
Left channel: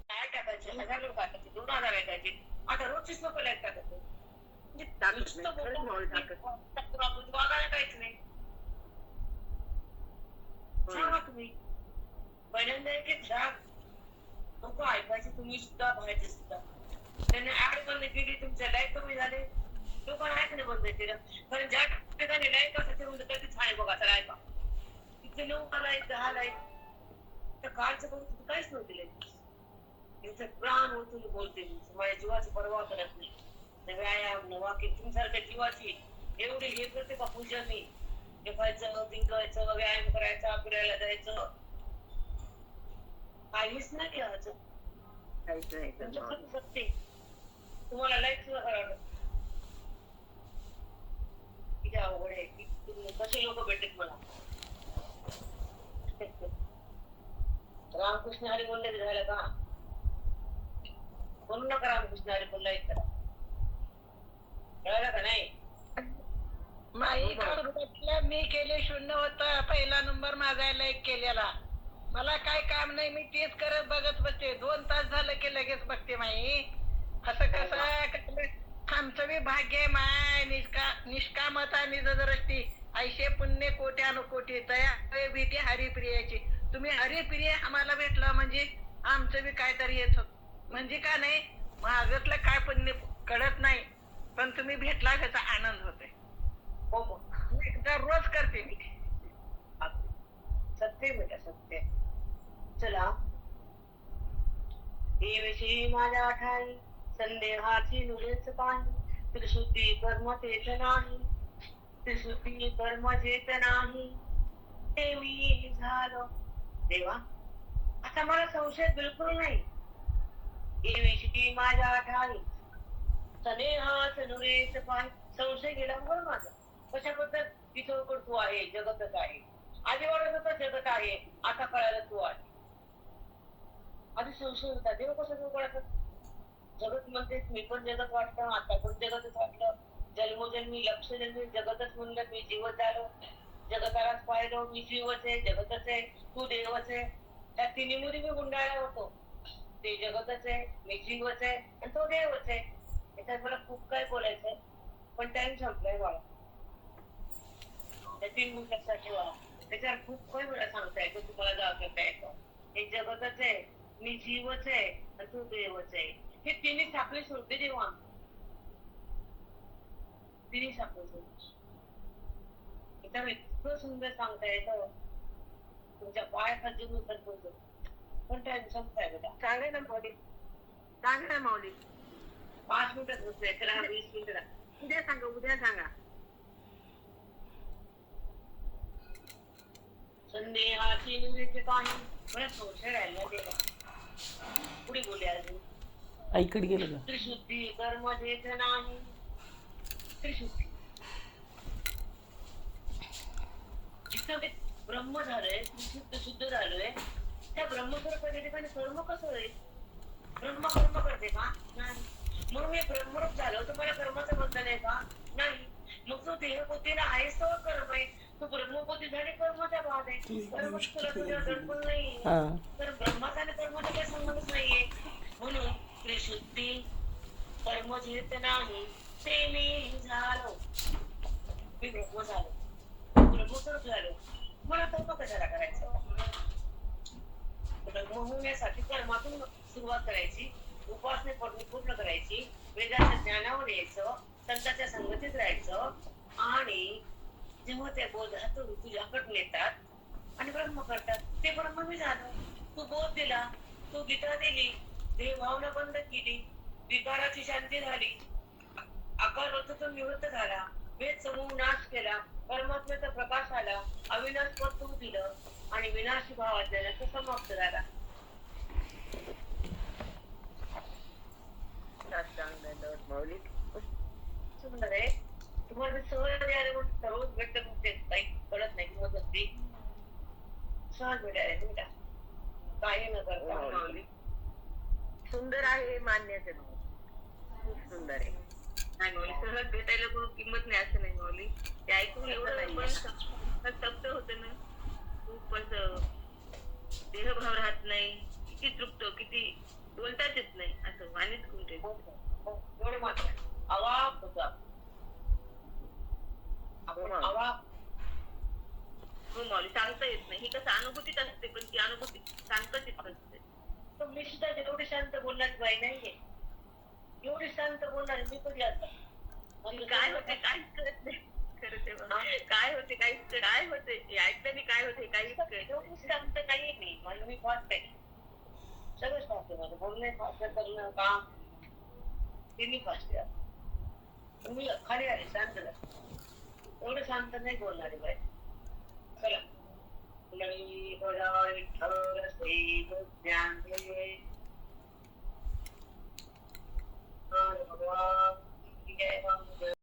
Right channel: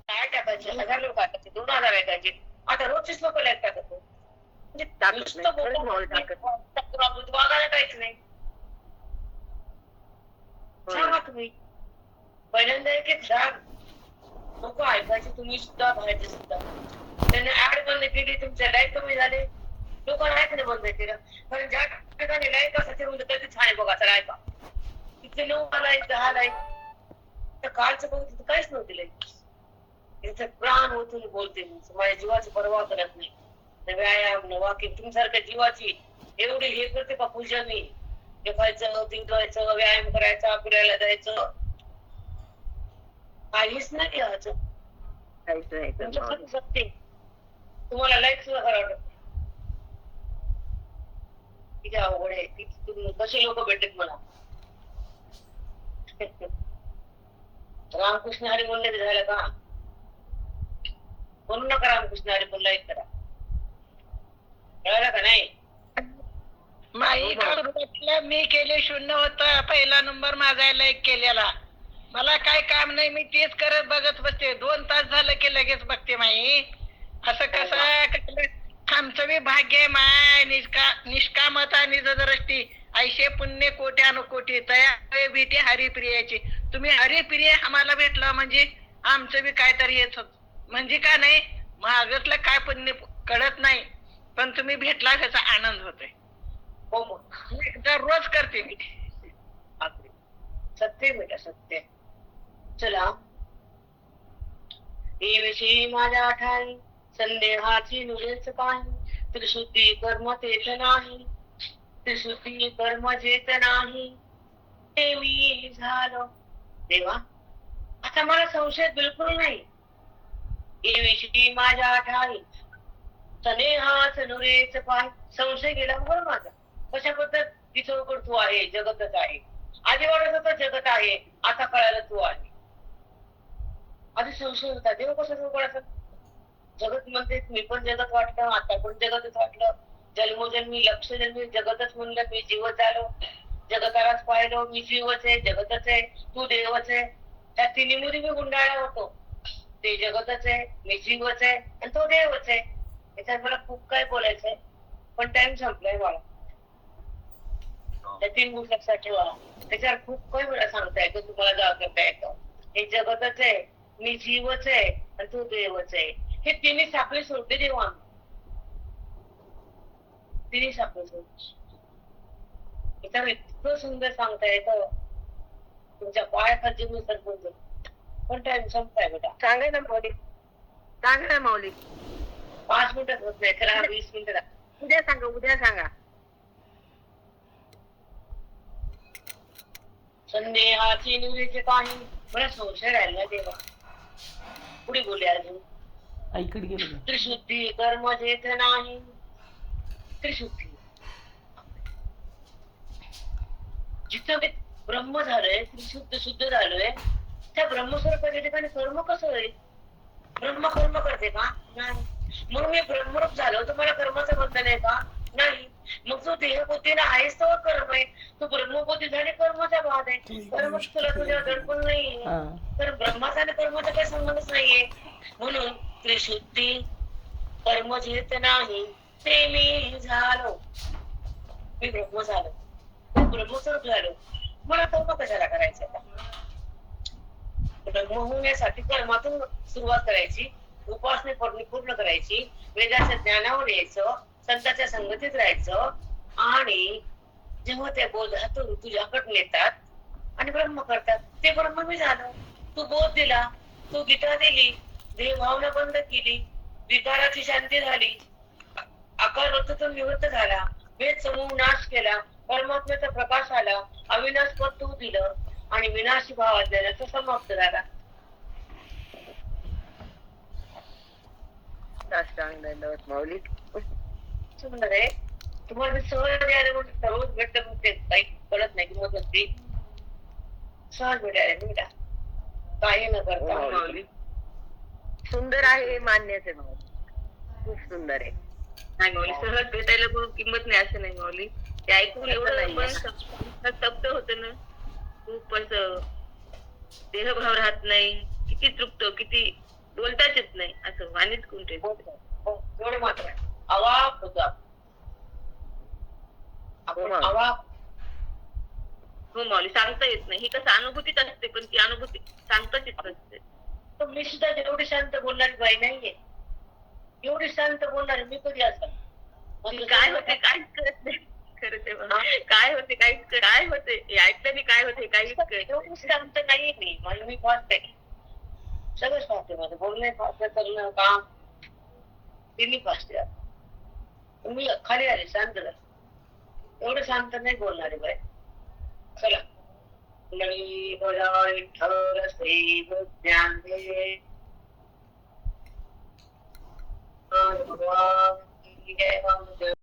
काय टाकायचे 1000 लोक टाकायचे 2000 टाकायचे. आता रोजचीच लोक लाईक टाकत नाही. म्हणजे टाकत नुसतं नाही. खरंच बोलून माऊली टाकत वागायला काहीच नाही. सांगा तुम्ही पहिल्यांदा एक एक झाड लोक ऐकायचे, तुम्ही सुद्धा बाहेरचे सुद्धा. त्यांनी ऍड बंद केली, तुमचे लाईक कमी झाले, लोकांना ऐकणं बंद केलं. कारण ज्या ठिकाणी लाईक असायचे म्हणजे कधी छान आहे बघा, चला ऐका. तिथे 9 लाईक 10 लाईक, तर कालचं बघ तिथे काहीच नव्हते लाईक. तिथे प्राण ओतून बोलते मी, माझ्या जीवाची पर्वा करत नाही. न व्यायाम न वाकिंग, तुमच्यासारख्या जीवाची एवढी हे करते का पूजा मी? जेवायचं, तिंकायचं, व्यायाम करायचा, फिरायला जायचं, काहीच नाही घ्यायचं. काहीच नाही करत तुमचं माऊली. खरं सत्य. तुम्हाला लाईक सुद्धा करावं वाटत. किती अवघड आहे, तुम्ही कसे लोक भेटत मला. रामकृष्ण हरी बोलले झालं का? बोलू नका रामकृष्ण हरी बोल, लाईक करा. कळलं का नाही? माई काढून मी केले 0 होता, पहिला नंबर माझा लाईक केलेला. मला काय काम नाही, मी तेच करत बघत बसते. 2 तास झालं की लगेच बघते माई. असं कसं आमचं बी भाग्य आहे माय. निष्कामता निजदृष्टी ऐशे पुण्य कोट्यानुकोटी तया भीती हरिप्रियाची. तुम्ही हरिप्रिय आम्हाला भेटलं म्हणजे आमचं बी काहीतरी येत होत. म्हणजे का नाही मागतलं काय पुण्य कळत नाही, पण तुम्ही भेटला ह्याचा आनंद होतोय. हो मग दररोज करते मी. आपले सत्य बेटा सत्य. चला, देविषयी माझ्या ठाई संदेहाची नुरेच काही. त्रिशुद्धी कर्म तेच नाही, त्रिशुद्धी कर्म जेत नाही, ते मी झालो. देवा आता मला संशय बिलकुल नाही. देविषयी माझ्या ठाई संदेहाच नुरेच पाय. संशय गेला बरं माझा. कशाबद्दल? तिथं तू आहे, जगतच आहे. आधी वाटत होतं जगत आहे, आता कळालं तू आहे. आधी संशय होता, देव कसं कळायचं? जगत म्हणते, मी पण जगत वाटलं, आता पण जगतच वाटलं. जन्मोजन्मी लक्ष जन्मी जगतच म्हणलं, मी जीवच झालो. जगतालाच पाहिलं, मी जीवच आहे, जगतच आहे, तू देवच आहे. त्या तिन्हीमध्ये मी गुंडाळला होतो. ते जगतच आहे, मी जीवच आहे आणि तो देवच आहे. याच्यात मला खूप काय बोलायचंय, पण टाइम संपलाय मला. त्या 3 गोष्टी लक्षात ठेवा. त्याच्यावर खूप काही मला सांगता येतं, तुम्हाला जाव करता येतं. हे जगतच आहे, मी जीवच आहे आणि तू देवच आहे. हे तिन्ही साखळी सोडते देवा. तिन्ही साखळी सोडते. त्याच्यावर इतकं सुंदर सांगता येतं, तुमच्या पायाखालची मी सरकून जाईल. पण टाइम संपलाय बेटा. सांगा ना माऊली, सांगा ना माऊली. 5 मिनिटात होत नाही, खरं 20 मिनिटं. उद्या सांगा, उद्या सांगा. संदेहाची निवडीचे काही. मला संशय राहिला तेव्हा. पुढे बोलले अजून. आईकडे गेलं का? त्रिशुद्धी कर्म जेत नाही, त्रिशुद्धी. जिथं ते ब्रह्म झालंय, त्रिशुद्ध शुद्ध झालोय, त्या ब्रह्मस्वरूपाच्या ठिकाणी कर्म कसं होईल? ब्रह्म कर्म करते का? नाही. मग मी ब्रह्मरूप झालो तर मला कर्माचं बंधन आहे का? नाही. मग तू देहबुद्धीला आहेस तर कर्म आहे, तू ब्रह्मबुद्धी झाली कर्माचा भाग आहे. कर्म तुला तुझ्या दडपण नाहीये. हा. तर ब्रह्माचा आणि कर्माचा काही संबंधच नाहीये. म्हणून त्रिशुद्धी कर्म जेत नाही, ते मी झालो. मी ब्रह्म झालो, ब्रह्मस्वरूप झालो. मला कर्म कशाला करायचं? ब्रह्म होण्यासाठी कर्मातून सुरुवात करायची, उपासनेकडून पूर्ण करायची, वेदाच्या ज्ञानावर यायचं, संतांच्या संगतीत राहायचं. आणि जेव्हा त्या बोधातून तुझ्याकडे नेतात, आणि ब्रह्म करतात. ते ब्रह्म मी झालो. तू बोध दिला, तू गीता दिली, देह भावना बंद केली, विकाराची शांती झाली, आकार होता निवृत्त झाला, भेद समूह नाश केला, परमात्म्याचा प्रकाश आला, अविनाश पद तू दिलं आणि विनाशी भाव अज्ञानाचा समाप्त झाला. साष्टांग दंडवत माऊली. सुंदर आहे. तुम्हाला मी सहज मिळाले म्हणून सर्वच भेटत नसते, काही कळत नाही किंमत नसते. सहज मिळाले बेटा, काही न करता. हो, माऊली. सुंदर आहे हे मान्यच आहे माऊली, खूप सुंदर आहे. नाही माऊली, सहज भेटायला कोण किंमत नाही असं नाही माऊली. ते ऐकून एवढं पण स्तब्ध होतं ना, खूप असं देहभाव राहत नाही, किती तृप्त, किती बोलताच येत नाही, असं वाणीच कुंठे. एवढं मात्र आहे. अवाक होतो आपण हो. अवाक. हो माऊली, सांगता येत नाही. ही कसं अनुभूतीच असते, पण ती अनुभूती सांगताच येत नसते. तर मी सुद्धा एवढी शांत बोलणारी बाई नाहीये. एवढी शांत बोलणारी मी कधी असं काय होते काहीच कळत नाही. खरं ते बघा. काय होते काहीच काय होते हे ऐकल्याने काय होते काहीच कळत एवढी शांत नाहीये मी. मला मी फास्ट आहे, सगळंच फास्ट आहे. माझं बोलणं फास्ट आहे, करणं काम ते मी फास्ट आहे. पण मी खाली आले, शांत झाले. एवढं शांत नाही बोलणारी बाई. चला, कुंडली बळा विठ्ठल श्री ज्ञान दे. भगवान की जय.